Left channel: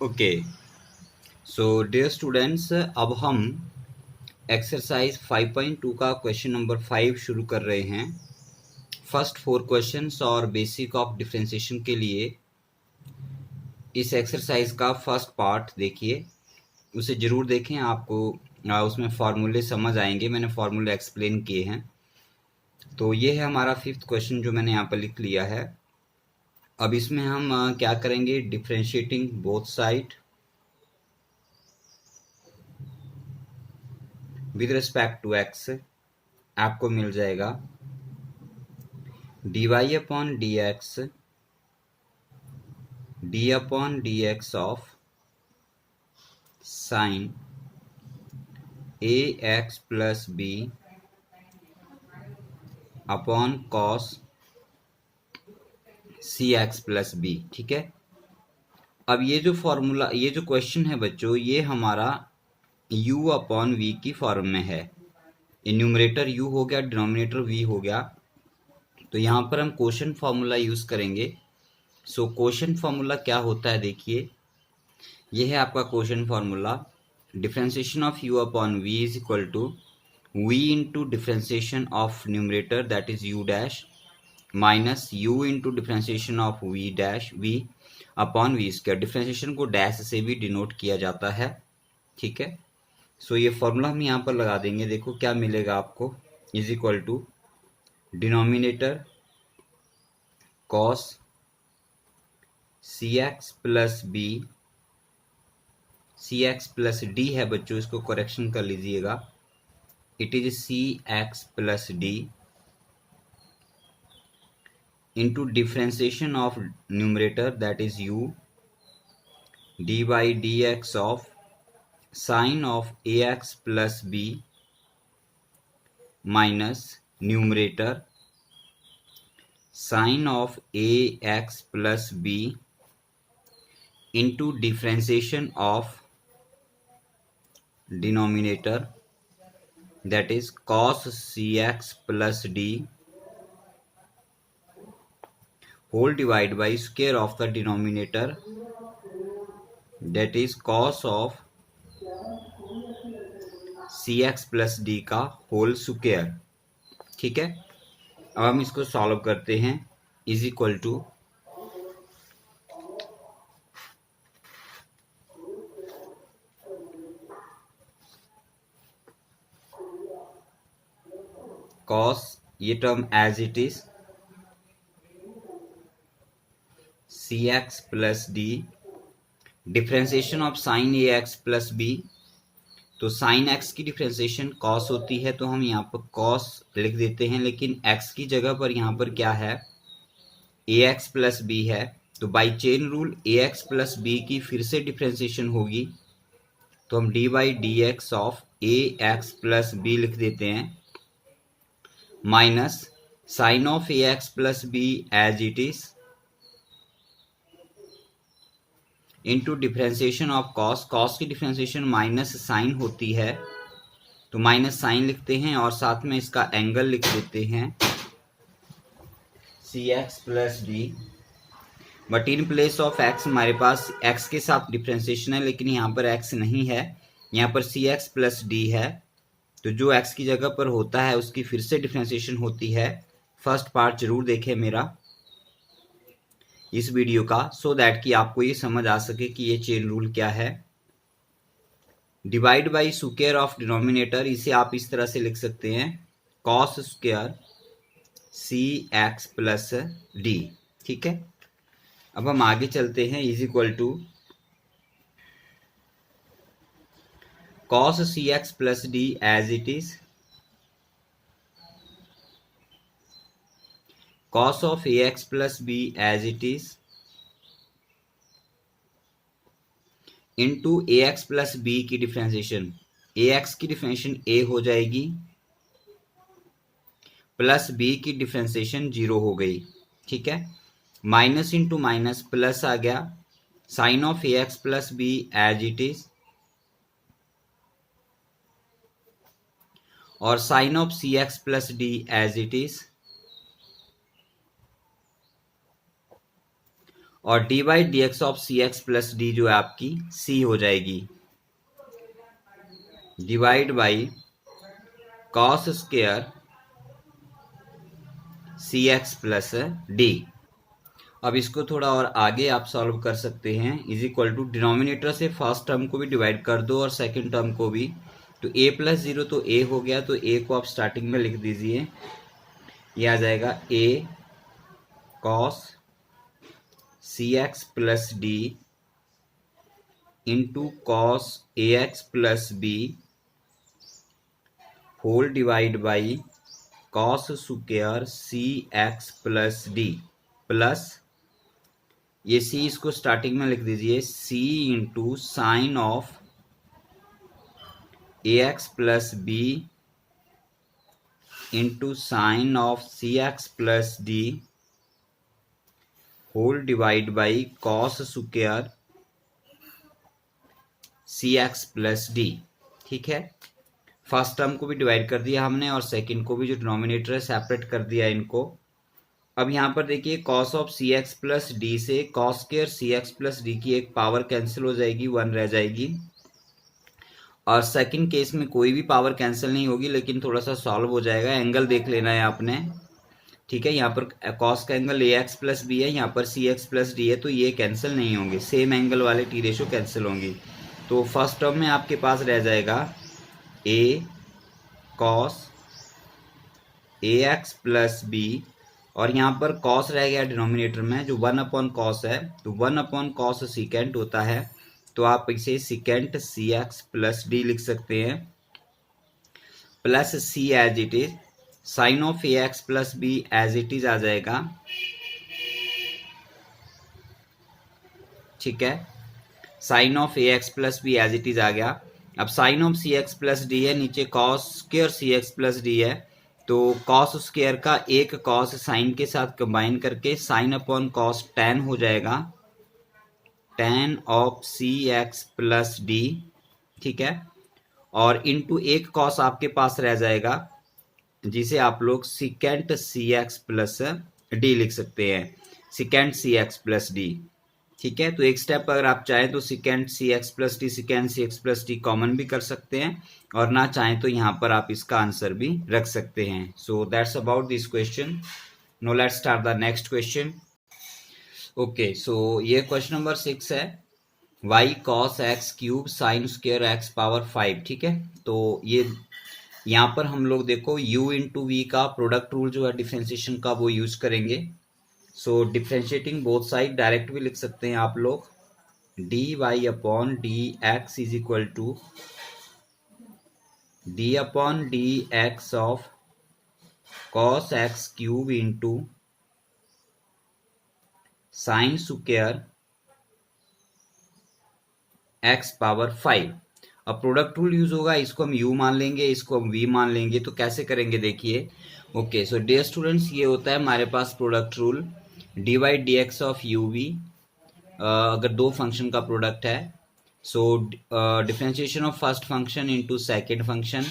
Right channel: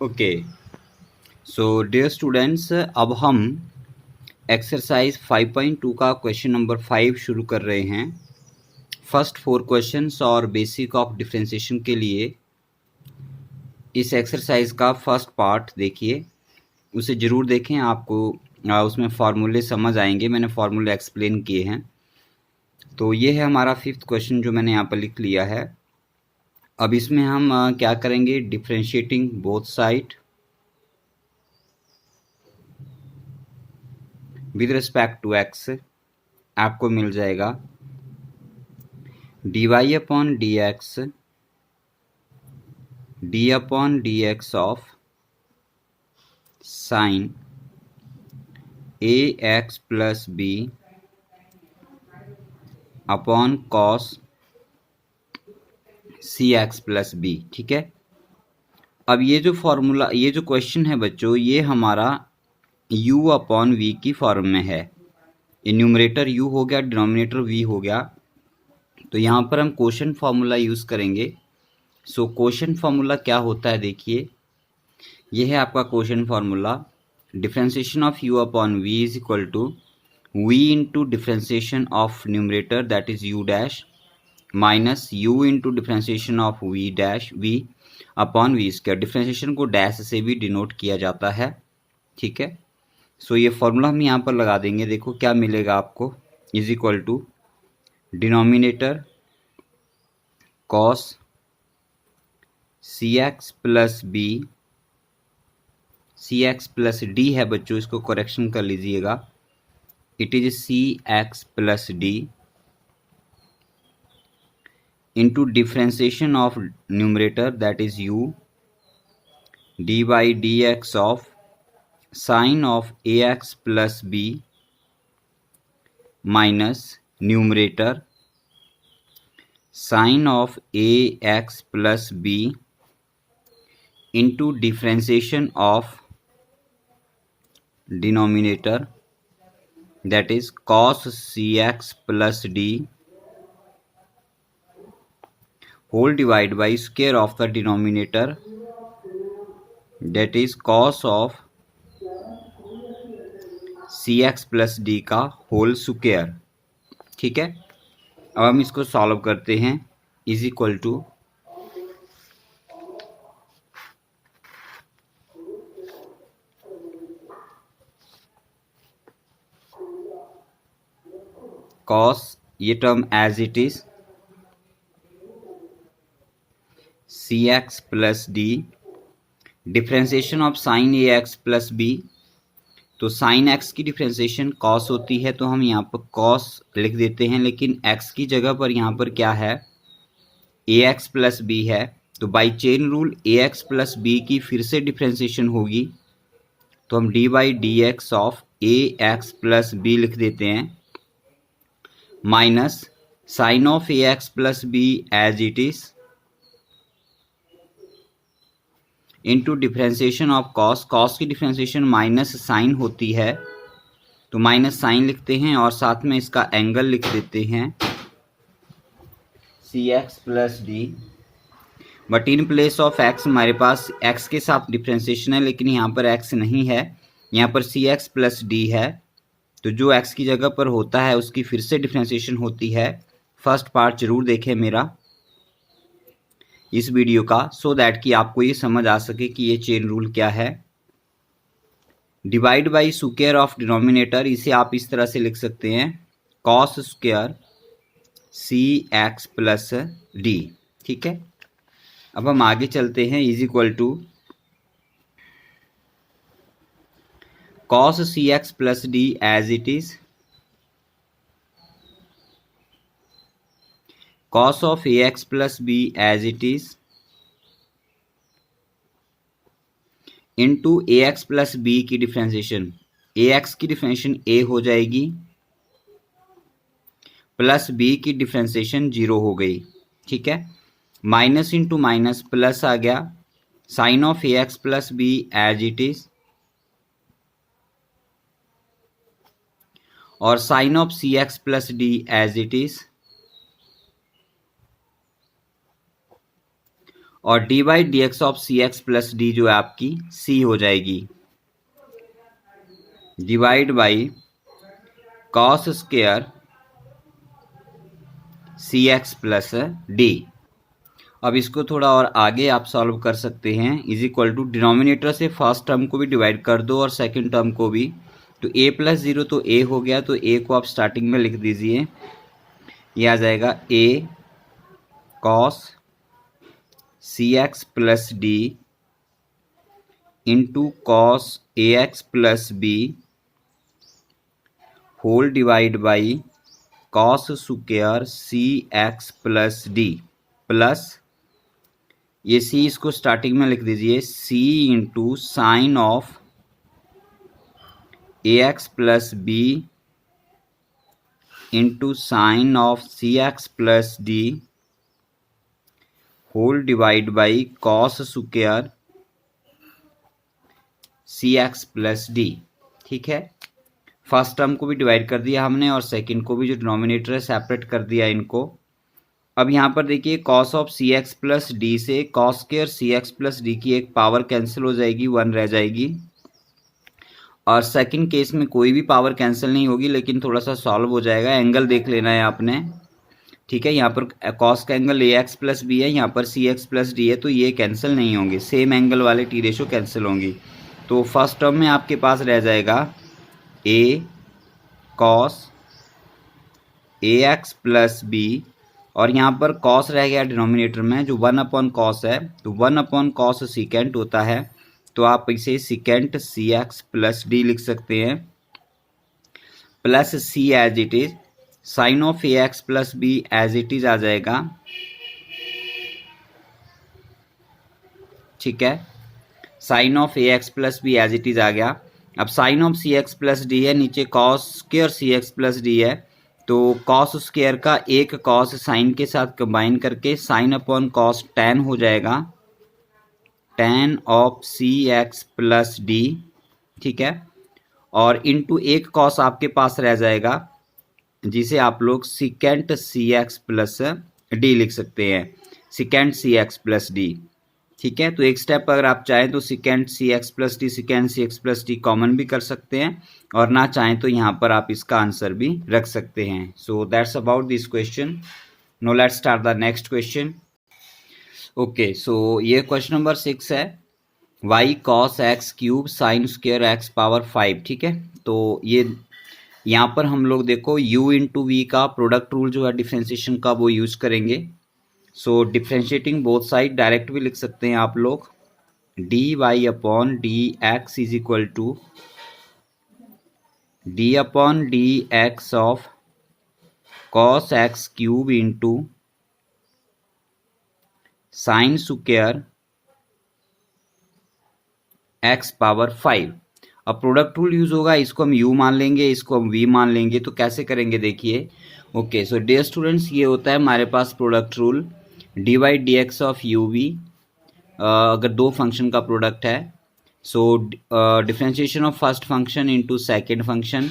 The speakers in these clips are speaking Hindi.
ओके, सो डियर स्टूडेंट्स, अब हम एक्सरसाइज 5.2 का क्वेश्चन नंबर 5 शुरू कर रहे हैं। फर्स्ट 4 क्वेश्चंस और बेसिक ऑफ डिफरेंशिएशन के लिए इस एक्सरसाइज का फर्स्ट पार्ट देखिए, उसे ज़रूर देखें। आपको उसमें फार्मूले समझ आएंगे, मैंने फार्मूले एक्सप्लेन किए हैं। तो ये है हमारा 5th क्वेश्चन जो मैंने यहाँ पर लिख लिया है। अब इसमें हम क्या करेंगे, differentiating both side with respect to x. आपको मिल जाएगा dy upon dx d upon dx of sine ax plus b upon cos cx plus b। ठीक है। अब ये जो फॉर्मूला, ये जो क्वेश्चन है बच्चों, ये हमारा u अपॉन v की फॉर्म में है। ये न्यूमरेटर u हो गया, डिनोमिनेटर v हो गया। तो यहाँ पर हम क्वेश्चन फार्मूला यूज़ करेंगे। सो क्वेश्चन फार्मूला क्या होता है, देखिए, ये है आपका question formula. Differentiation of u upon v is equal to v into differentiation of numerator that is u dash minus u into differentiation of v dash v upon v square. Differentiation को डैश से भी डिनोट किया जाता है। ठीक है। सो ये फॉर्मूला हम यहाँ पर लगा देंगे। देखो क्या मिलेगा आपको, is equal to denominator cos cx plus b, cx plus d है बच्चों, इसको करेक्शन कर लीजिएगा। It is cx plus d into differentiation of numerator that is u dy dx of sine of ax plus b minus numerator sine of ax plus b into differentiation of denominator that is cos cx plus d whole divided by square of the denominator that is cos of cx plus d का होल स्क्वायर। ठीक है। अब हम इसको सॉल्व करते हैं। इज इक्वल टू cos, ये term as it is cx plus d differentiation of sine ax plus b। तो साइन x की डिफरेंशिएशन cos होती है, तो हम यहाँ पर cos लिख देते हैं, लेकिन x की जगह पर यहाँ पर क्या है, ax प्लस b है। तो by chain rule ax plus b की फिर से डिफरेंशिएशन होगी, तो हम dy dx of ax plus b लिख देते हैं, minus sine of ax plus b as it is into differentiation of cos. Cos की डिफरेंशिएशन माइनस साइन होती है, तो माइनस साइन लिखते हैं और साथ में इसका एंगल लिख देते हैं cx plus d। But in place of x हमारे पास x के साथ डिफरेंशिएशन है, लेकिन यहाँ पर x नहीं है, यहाँ पर cx प्लस d है। तो जो x की जगह पर होता है उसकी फिर से डिफरेंशिएशन होती है। फर्स्ट पार्ट जरूर देखें मेरा इस वीडियो का, सो दैट कि आपको ये समझ आ सके कि ये चेन रूल क्या है। Divide by square of denominator, इसे आप इस तरह से लिख सकते हैं cos square cx plus d। ठीक है। अब हम आगे चलते हैं। Is equal to cos cx plus d as it is cos of ax plus b as it is into ax plus b की डिफरेंशिएशन, ax की डिफरेंशिएशन a हो जाएगी प्लस b की डिफरेंशिएशन 0 हो गई। ठीक है। माइनस इंटू माइनस प्लस आ गया, sine of ax plus b as it is और sine of cx plus d as it is और D by D x of C x plus D जो है आपकी सी हो जाएगी, divide by cos square C x plus D. अब इसको थोड़ा और आगे आप सॉल्व कर सकते हैं, इज इक्वल टू डिनोमिनेटर से फर्स्ट टर्म को भी डिवाइड कर दो और सेकंड टर्म को भी, तो a प्लस जीरो तो a हो गया, तो a को आप स्टार्टिंग में लिख दीजिए, ये आ जाएगा a cos c x plus d into cos a x plus b whole divide by cos square C x plus d plus ये c इसको स्टार्टिंग में लिख दीजिए, c into sine of A x plus b into sine of C x plus d whole divide by cos square C x plus d. ठीक है, फर्स्ट टर्म को भी डिवाइड कर दिया हमने और सेकंड को भी, जो डिनोमिनेटर है सेपरेट कर दिया इनको। अब यहाँ पर देखिए cos of C x plus d से कॉस स्क्वायर सी एक्स प्लस डी की एक पावर कैंसिल हो जाएगी, 1 रह जाएगी। और सेकंड केस में कोई भी पावर कैंसिल नहीं होगी, लेकिन थोड़ा सा सॉल्व हो जाएगा। एंगल देख लेना है आपने, ठीक है। यहाँ पर कॉस का angle a x plus b है, यहाँ पर सी एक्स प्लस डी है, तो ये कैंसिल नहीं होंगे, सेम एंगल वाले टी रेशो कैंसिल होंगी। तो फर्स्ट टर्म में आपके पास रह जाएगा ए cos a x plus B, और यहाँ पर कॉस रह गया डिनोमिनेटर में, जो 1 अपॉन कॉस है, तो 1 अपॉन कॉस सीकेंट होता है, तो आप इसे secant C x plus D लिख सकते हैं, plus C as it is, sine of A x plus B as it is आ जाएगा। ठीक है, sine of A x plus B as it is आ गया। अब sine of C x plus D है, नीचे कॉस स्क्वायर सी एक्स प्लस डी है, तो कॉस स्क्वायर का एक कॉस साइन के साथ कंबाइन करके साइन अपॉन कॉस टेन हो जाएगा, tan of C x plus d. ठीक है, और इनटू एक कॉस आपके पास रह जाएगा, जिसे आप लोग सिकेंट सी एक्स प्लस डी लिख सकते हैं, सिकेंट सी एक्स प्लस डी। ठीक है, तो एक स्टेप अगर आप चाहें तो सिकेंट सी एक्स प्लस डी, सिकेंट सी एक्स प्लस डी कॉमन भी कर सकते हैं, और ना चाहें तो यहाँ पर आप इसका आंसर भी रख सकते हैं। So that's about this question. Now let's start the next question. Okay, so ये क्वेश्चन नंबर 6 है, y cos x cube sine square x power 5। ठीक है, तो ये यहाँ पर हम लोग देखो u इंटू वी का प्रोडक्ट रूल जो है डिफ्रेंशिएशन का, वो यूज करेंगे। So differentiating both side direct भी लिख सकते हैं आप लोग, d y upon d x is equal to d upon d x of cos x cube into sine square x power 5। अब प्रोडक्ट रूल यूज होगा, इसको हम u मान लेंगे, इसको हम v मान लेंगे। तो कैसे करेंगे देखिए। ओके, सो डियर स्टूडेंट्स, ये होता है हमारे पास product rule, D by D x of U V, अगर दो फंक्शन का प्रोडक्ट है। So differentiation of first function into second function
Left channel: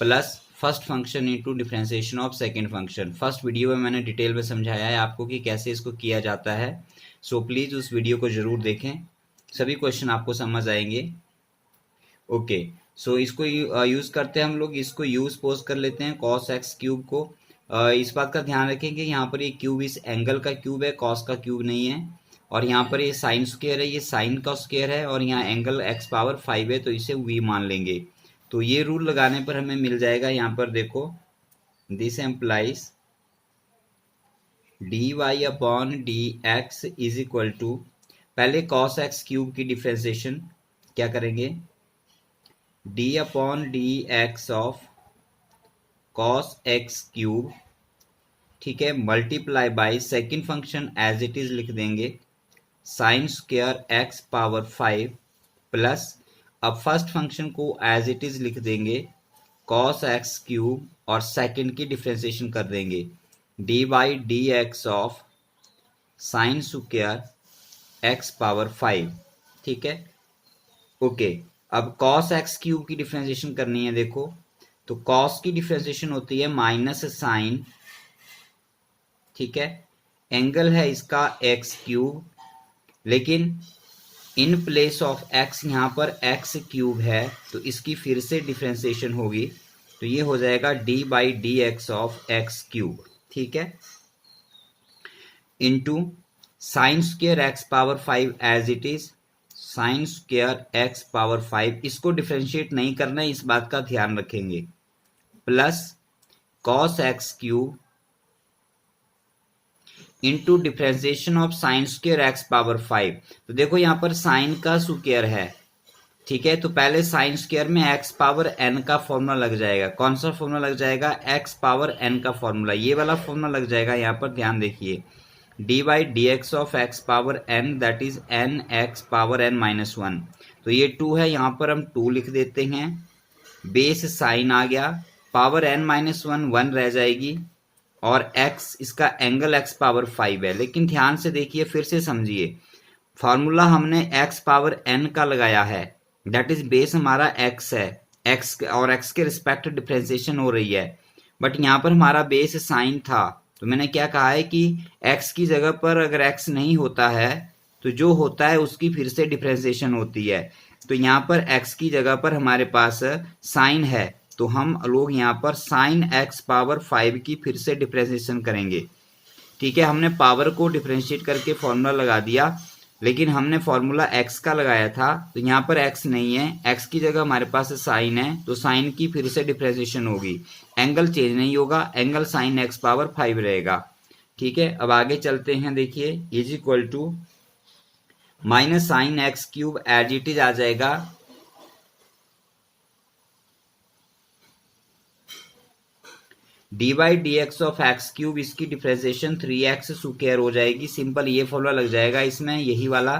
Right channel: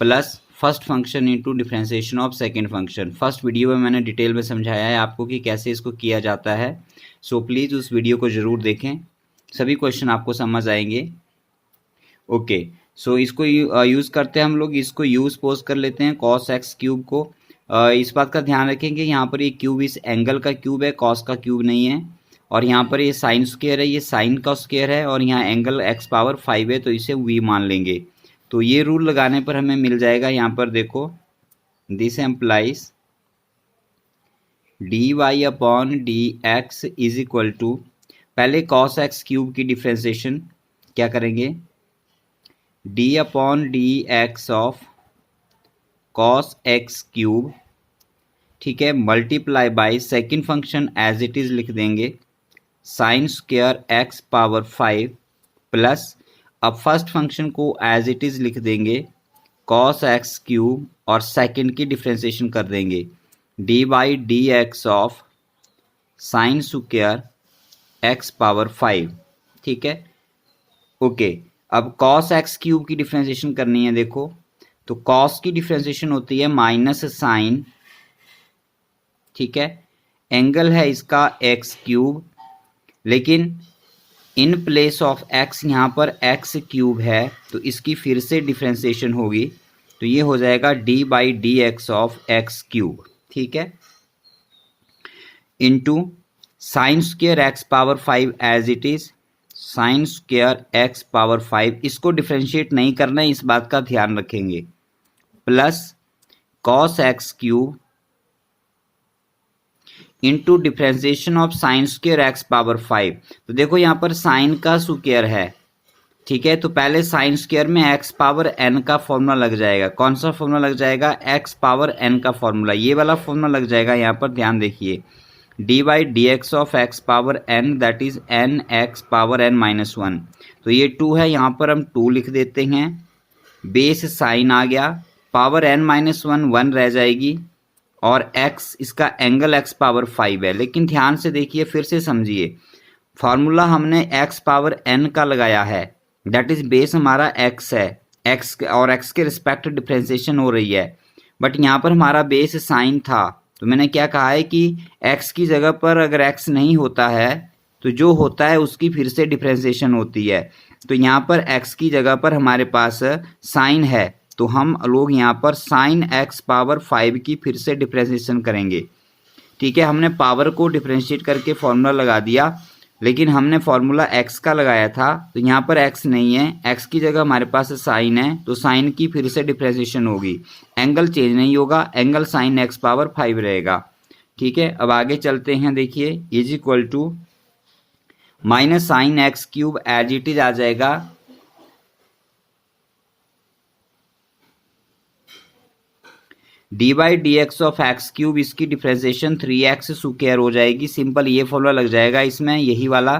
plus first function into differentiation of second function. First video में मैंने डिटेल में समझाया है आपको कि कैसे इसको किया जाता है, सो प्लीज़ उस वीडियो को ज़रूर देखें, सभी क्वेश्चन आपको समझ आएंगे। ओके, सो इसको यूज़ करते हैं हम लोग, इसको यूज पोज कर लेते हैं कॉस एक्स क्यूब को। इस बात का ध्यान रखेंगे, यहाँ पर ये क्यूब इस एंगल का क्यूब है, कॉस का क्यूब नहीं है। और यहाँ पर ये साइन स्क्वायर है, ये साइन का स्क्वायर है, और यहाँ एंगल एक्स पावर 5 है, तो इसे वी मान लेंगे। तो ये रूल लगाने पर हमें मिल जाएगा, यहाँ पर देखो, this implies d y upon d x is equal to, पहले कॉस एक्स क्यूब की डिफ्रेंशिएशन क्या करेंगे, d upon d x of cos x cube, ठीक है, multiply by second function as it is लिख देंगे, sine square x power 5 plus, अब फर्स्ट फंक्शन को एज इट इज लिख देंगे, कॉस एक्स क्यूब, और सेकेंड की डिफ्रेंशिएशन कर देंगे, d by D x of sine square x power 5। ठीक है, ओके। अब कॉस एक्स क्यूब की डिफ्रेंशिएशन करनी है, देखो, तो कॉस की डिफ्रेंशिएशन होती है माइनस साइन, ठीक है, एंगल है इसका एक्स क्यूब, लेकिन इन प्लेस ऑफ x यहाँ पर x क्यूब है, तो इसकी फिर से डिफ्रेंसिएशन होगी, तो ये हो जाएगा d/dx ऑफ x क्यूब, ठीक है, into sine square x power 5 as it is, sine square x power 5, इसको डिफ्रेंशिएट नहीं करना है, इस बात का ध्यान रखेंगे, plus cos x cube into differentiation of sine square x power 5। तो देखो यहाँ पर साइन का स्क्वायर है, ठीक है, तो पहले साइन स्क्वायर में एक्स पावर एन का फॉर्मूला लग जाएगा। कौन सा फॉर्मूला लग जाएगा? एक्स पावर एन का फॉर्मूला, ये वाला फॉर्मूला लग जाएगा। यहाँ पर ध्यान देखिए, d/dx of x power n that is n x power n minus 1, तो ये 2 है, यहाँ पर हम 2 लिख देते हैं, बेस साइन आ गया, पावर एन माइनस 1 रह जाएगी, और x इसका एंगल x पावर 5 है। लेकिन ध्यान से देखिए, फिर से समझिए, फॉर्मूला हमने x पावर n का लगाया है, दैट इज बेस हमारा x है, x और x के रिस्पेक्ट डिफ्रेंसिएशन हो रही है, बट यहाँ पर हमारा बेस साइन था, तो मैंने क्या कहा है कि x की जगह पर अगर x नहीं होता है तो जो होता है उसकी फिर से डिफ्रेंसिएशन होती है। तो यहाँ पर x की जगह पर हमारे पास साइन है, तो हम लोग यहाँ पर साइन x पावर 5 की फिर से डिफ्रेंशिएशन करेंगे, ठीक है। हमने पावर को डिफ्रेंशिएट करके फॉर्मूला लगा दिया, लेकिन हमने फॉर्मूला x का लगाया था, तो यहाँ पर x नहीं है, x की जगह हमारे पास साइन है, तो साइन की फिर से डिफ्रेंशिएशन होगी, एंगल चेंज नहीं होगा, एंगल साइन x पावर 5 रहेगा, ठीक है। अब आगे चलते हैं, देखिए is equal to minus sine X cube as it is आ जाएगा, d/dx ऑफ एक्स क्यूब, इसकी डिफ्रेंसिएशन 3x स्क्वायर हो जाएगी, सिंपल ये फॉर्मूला लग जाएगा इसमें, यही वाला,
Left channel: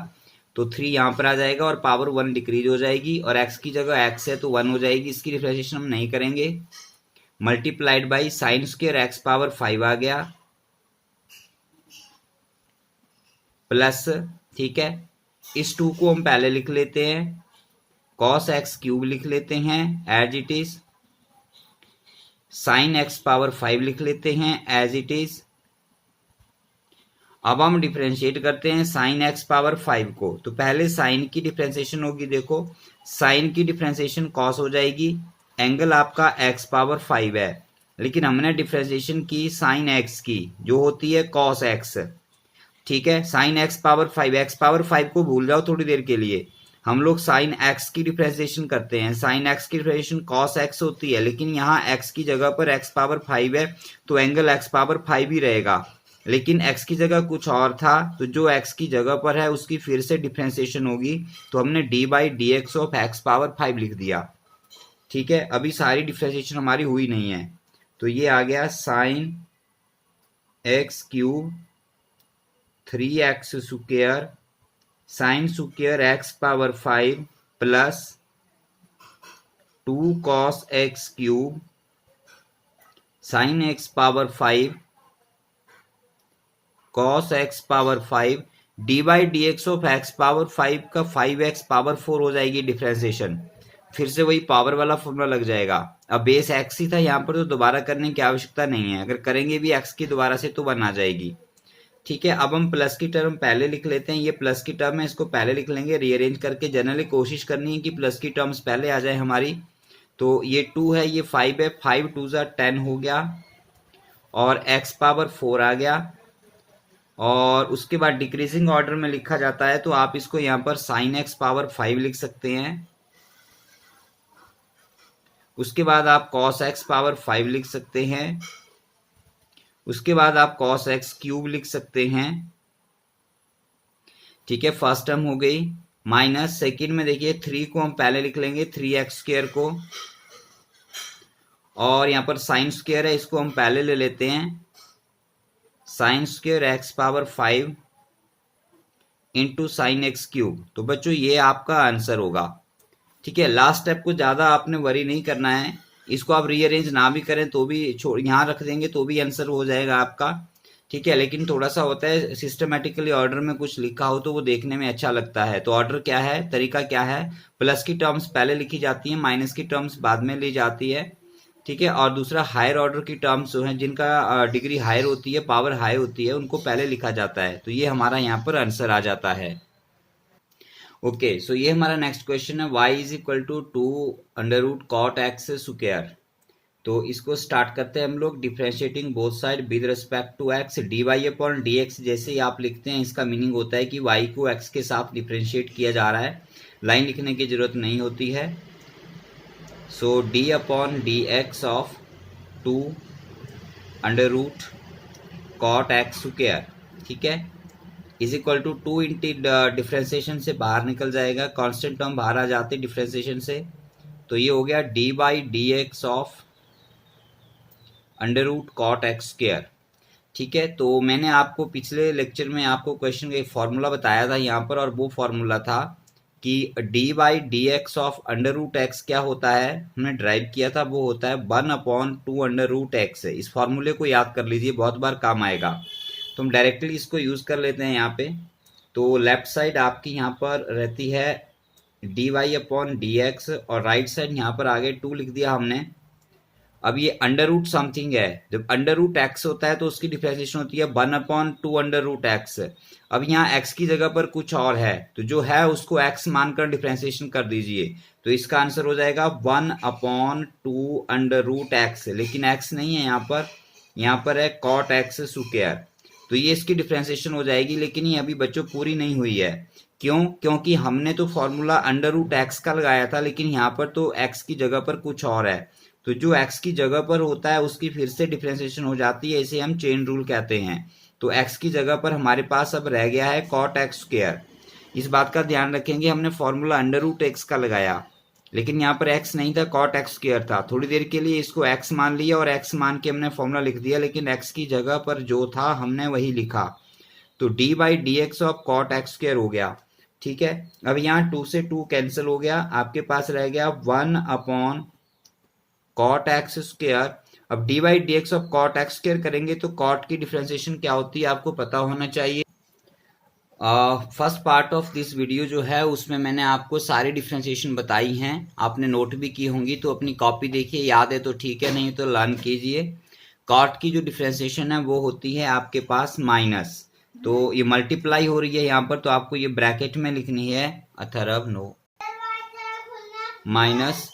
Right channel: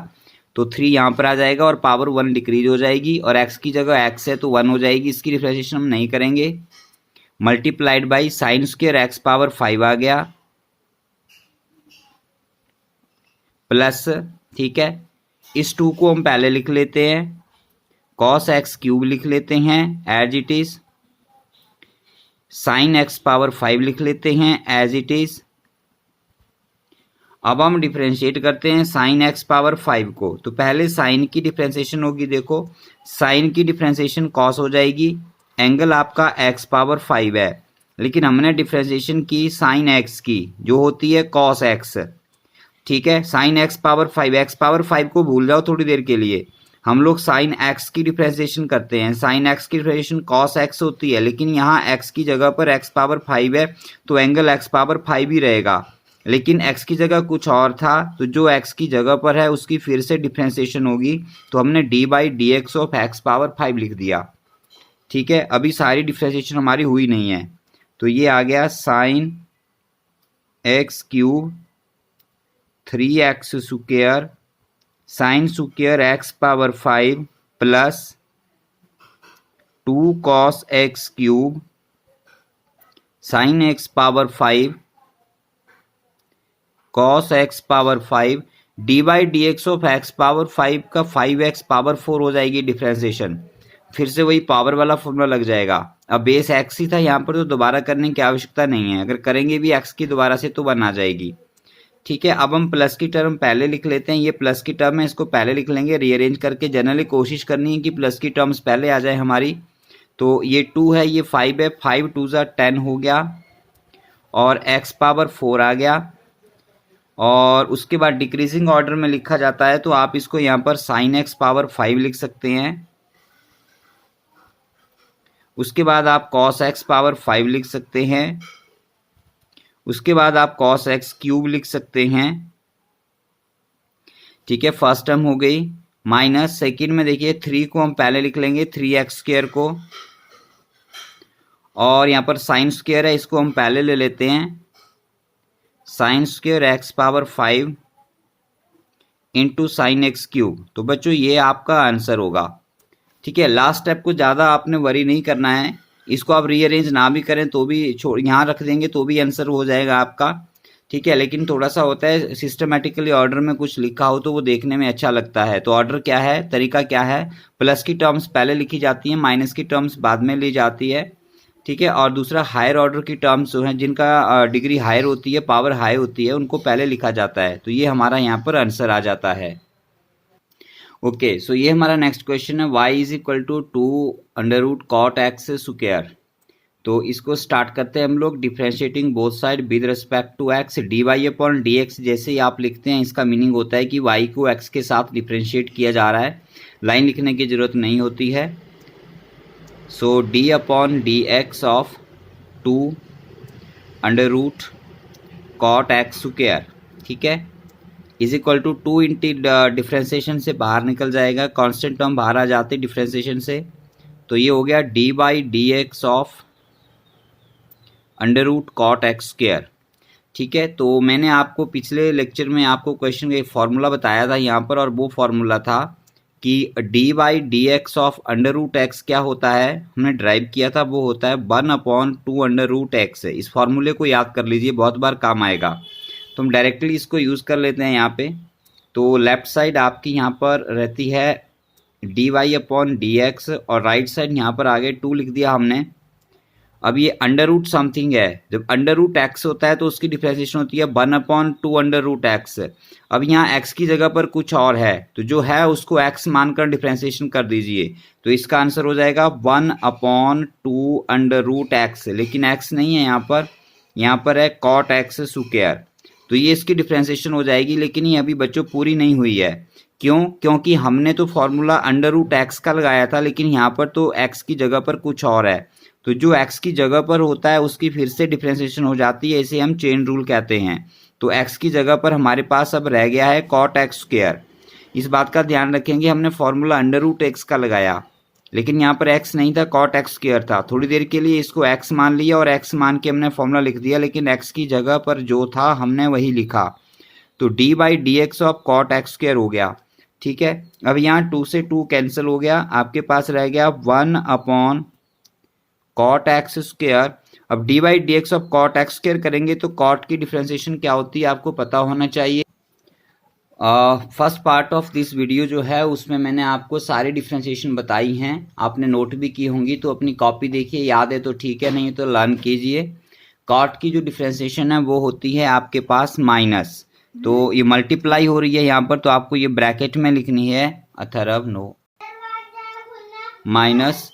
तो 3 यहाँ पर आ जाएगा और पावर 1 डिक्रीज हो जाएगी, और x की जगह x है तो 1 हो जाएगी, इसकी डिफ्रेंसिएशन हम नहीं करेंगे, multiplied by sine square x power 5 आ गया, प्लस, ठीक है, इस 2 को हम पहले लिख लेते हैं, कॉस एक्स क्यूब लिख लेते हैं as it is, sine x power 5 लिख लेते हैं एज इट इज। अब हम डिफ्रेंशिएट करते हैं साइन एक्स पावर 5 को, तो पहले साइन की डिफ्रेंशिएशन होगी, देखो साइन की डिफ्रेंशिएशन कॉस हो जाएगी, एंगल आपका एक्स पावर 5 है, लेकिन हमने डिफ्रेंशिएशन की साइन एक्स की, जो होती है कॉस एक्स, ठीक है, sign x power 5, x power 5 को भूल जाओ थोड़ी देर के लिए, हम लोग साइन एक्स की डिफ्रेंसिएशन करते हैं, साइन एक्स की डिफ्रेंसिएशन कॉस एक्स होती है, लेकिन यहाँ एक्स की जगह पर एक्स पावर 5 है, तो एंगल एक्स पावर 5 ही रहेगा, लेकिन एक्स की जगह कुछ और था, तो जो एक्स की जगह पर है उसकी फिर से डिफ्रेंसिएशन होगी, तो हमने d/dx ऑफ एक्स पावर 5 लिख दिया, ठीक है। अभी सारी डिफ्रेंसिएशन हमारी हुई नहीं है, तो ये आ गया sign X cube 3x square sine square x power 5 plus 2 cos x cube sign x power 5 cos x power 5 d/dx of x power 5 का 5x पावर 4 हो जाएगी डिफ्रेंसिएशन, फिर से वही पावर वाला फॉर्मूला लग जाएगा। अब बेस x ही था यहाँ पर, तो दोबारा करने की आवश्यकता नहीं है, अगर करेंगे भी x की दोबारा से तो 1 आ जाएगी, ठीक है। अब हम प्लस की टर्म पहले लिख लेते हैं, ये प्लस की टर्म है, इसको पहले लिख लेंगे रीअरेंज करके, जनरली कोशिश करनी है कि प्लस की टर्म्स पहले आ जाए हमारी, तो ये 2 है, ये 5 है, 5 2 10 हो गया, और x पावर 4 आ गया, और उसके बाद डिक्रीजिंग ऑर्डर में लिखा जाता है, तो आप इसको यहाँ पर साइन एक्स पावर 5 लिख सकते हैं, उसके बाद आप कॉस एक्स पावर 5 लिख सकते हैं, उसके बाद आप कॉस एक्स क्यूब लिख सकते हैं, ठीक है, फर्स्ट टर्म हो गई, माइनस सेकेंड में देखिए 3 को हम पहले लिख लेंगे, 3x स्क्वायर को, और यहाँ पर साइन स्क्वायर है, इसको हम पहले ले लेते हैं, sign square x power 5 into sine X cube, तो बच्चों ये आपका आंसर होगा, ठीक है। लास्ट स्टेप को ज़्यादा आपने वरी नहीं करना है, इसको आप रीअरेंज ना भी करें तो भी यहाँ रख देंगे तो भी आंसर हो जाएगा आपका, ठीक है। लेकिन थोड़ा सा होता है सिस्टमेटिकली ऑर्डर में कुछ लिखा हो तो वो देखने में अच्छा लगता है, तो ऑर्डर क्या है, तरीका क्या है, प्लस की टर्म्स पहले लिखी जाती है, माइनस की टर्म्स बाद में ली जाती है, ठीक है, और दूसरा हायर ऑर्डर की टर्म्स जो हैं जिनका डिग्री हायर होती है, पावर हाई होती है, उनको पहले लिखा जाता है, तो ये हमारा यहाँ पर आंसर आ जाता है। ओके, सो ये हमारा नेक्स्ट क्वेश्चन है, y is equal to 2√cot x²। तो इसको स्टार्ट करते हैं हम लोग। Differentiating both side with respect to x, dy/dx जैसे ही आप लिखते हैं इसका मीनिंग होता है कि y को x के साथ डिफ्रेंशिएट किया जा रहा है, लाइन लिखने की जरूरत नहीं होती है। सो d/dx ऑफ 2√cot x², ठीक है, इज इक्वल टू 2 इंटी डिफ्रेंसिएशन से बाहर निकल जाएगा, कांस्टेंट टर्म बाहर आ जाते डिफ्रेंसिएशन से, तो ये हो गया d/dx ऑफ √cot x²। ठीक है, तो मैंने आपको पिछले लेक्चर में आपको क्वेश्चन का एक फॉर्मूला बताया था यहाँ पर, और वो फॉर्मूला था कि d/dx ऑफ √x क्या होता है, हमने ड्राइव किया था, वो होता है 1/2√x। इस फॉर्मूले को याद कर लीजिए, बहुत बार काम आएगा। तो हम डायरेक्टली इसको यूज़ कर लेते हैं यहाँ पे। तो लेफ्ट साइड आपकी यहाँ पर रहती है dy/dx और राइट साइड यहाँ पर आगे 2 लिख दिया हमने। अब ये अंडर रूट समथिंग है, जब अंडर रूट एक्स होता है तो उसकी डिफ्रेंसिएशन होती है 1/2√x। अब यहाँ x की जगह पर कुछ और है, तो जो है उसको x मानकर डिफ्रेंसिएशन कर दीजिए, तो इसका आंसर हो जाएगा 1/2√x, लेकिन x नहीं है यहाँ पर है cot x²। तो ये इसकी डिफ्रेंसिएशन हो जाएगी, लेकिन ये अभी बच्चों पूरी नहीं हुई है। क्यों? क्योंकि हमने तो फॉर्मूला √x का लगाया था, लेकिन यहाँ पर तो x की जगह पर कुछ और है, तो जो x की जगह पर होता है उसकी फिर से डिफ्रेंसिएशन हो जाती है, इसे हम चेन रूल कहते हैं। तो x की जगह पर हमारे पास अब रह गया है cot x²। इस बात का ध्यान रखेंगे, हमने फॉर्मूला √x का लगाया, लेकिन यहाँ पर x नहीं था, cot x² था। थोड़ी देर के लिए इसको x मान लिया और x मान के हमने फॉर्मूला लिख दिया, लेकिन x की जगह पर जो था हमने वही लिखा, तो d/dx ऑफ cot x² हो गया। ठीक है, अब यहाँ 2 से 2 कैंसिल हो गया, आपके पास रह गया 1/cot x²। अब d/dx ऑफ cot x² करेंगे तो cot की डिफ्रेंसिएशन क्या होती है आपको पता होना चाहिए। First part of this video जो है उसमें मैंने आपको सारी डिफ्रेंसिएशन बताई हैं, आपने नोट भी की होंगी, तो अपनी कॉपी देखिए, याद है तो ठीक है, नहीं तो लर्न कीजिए। cot की जो डिफ्रेंसिएशन है वो होती है आपके पास माइनस, तो ये मल्टीप्लाई हो रही है यहाँ पर, तो आपको ये ब्रैकेट में लिखनी है अथर्व नो माइनस।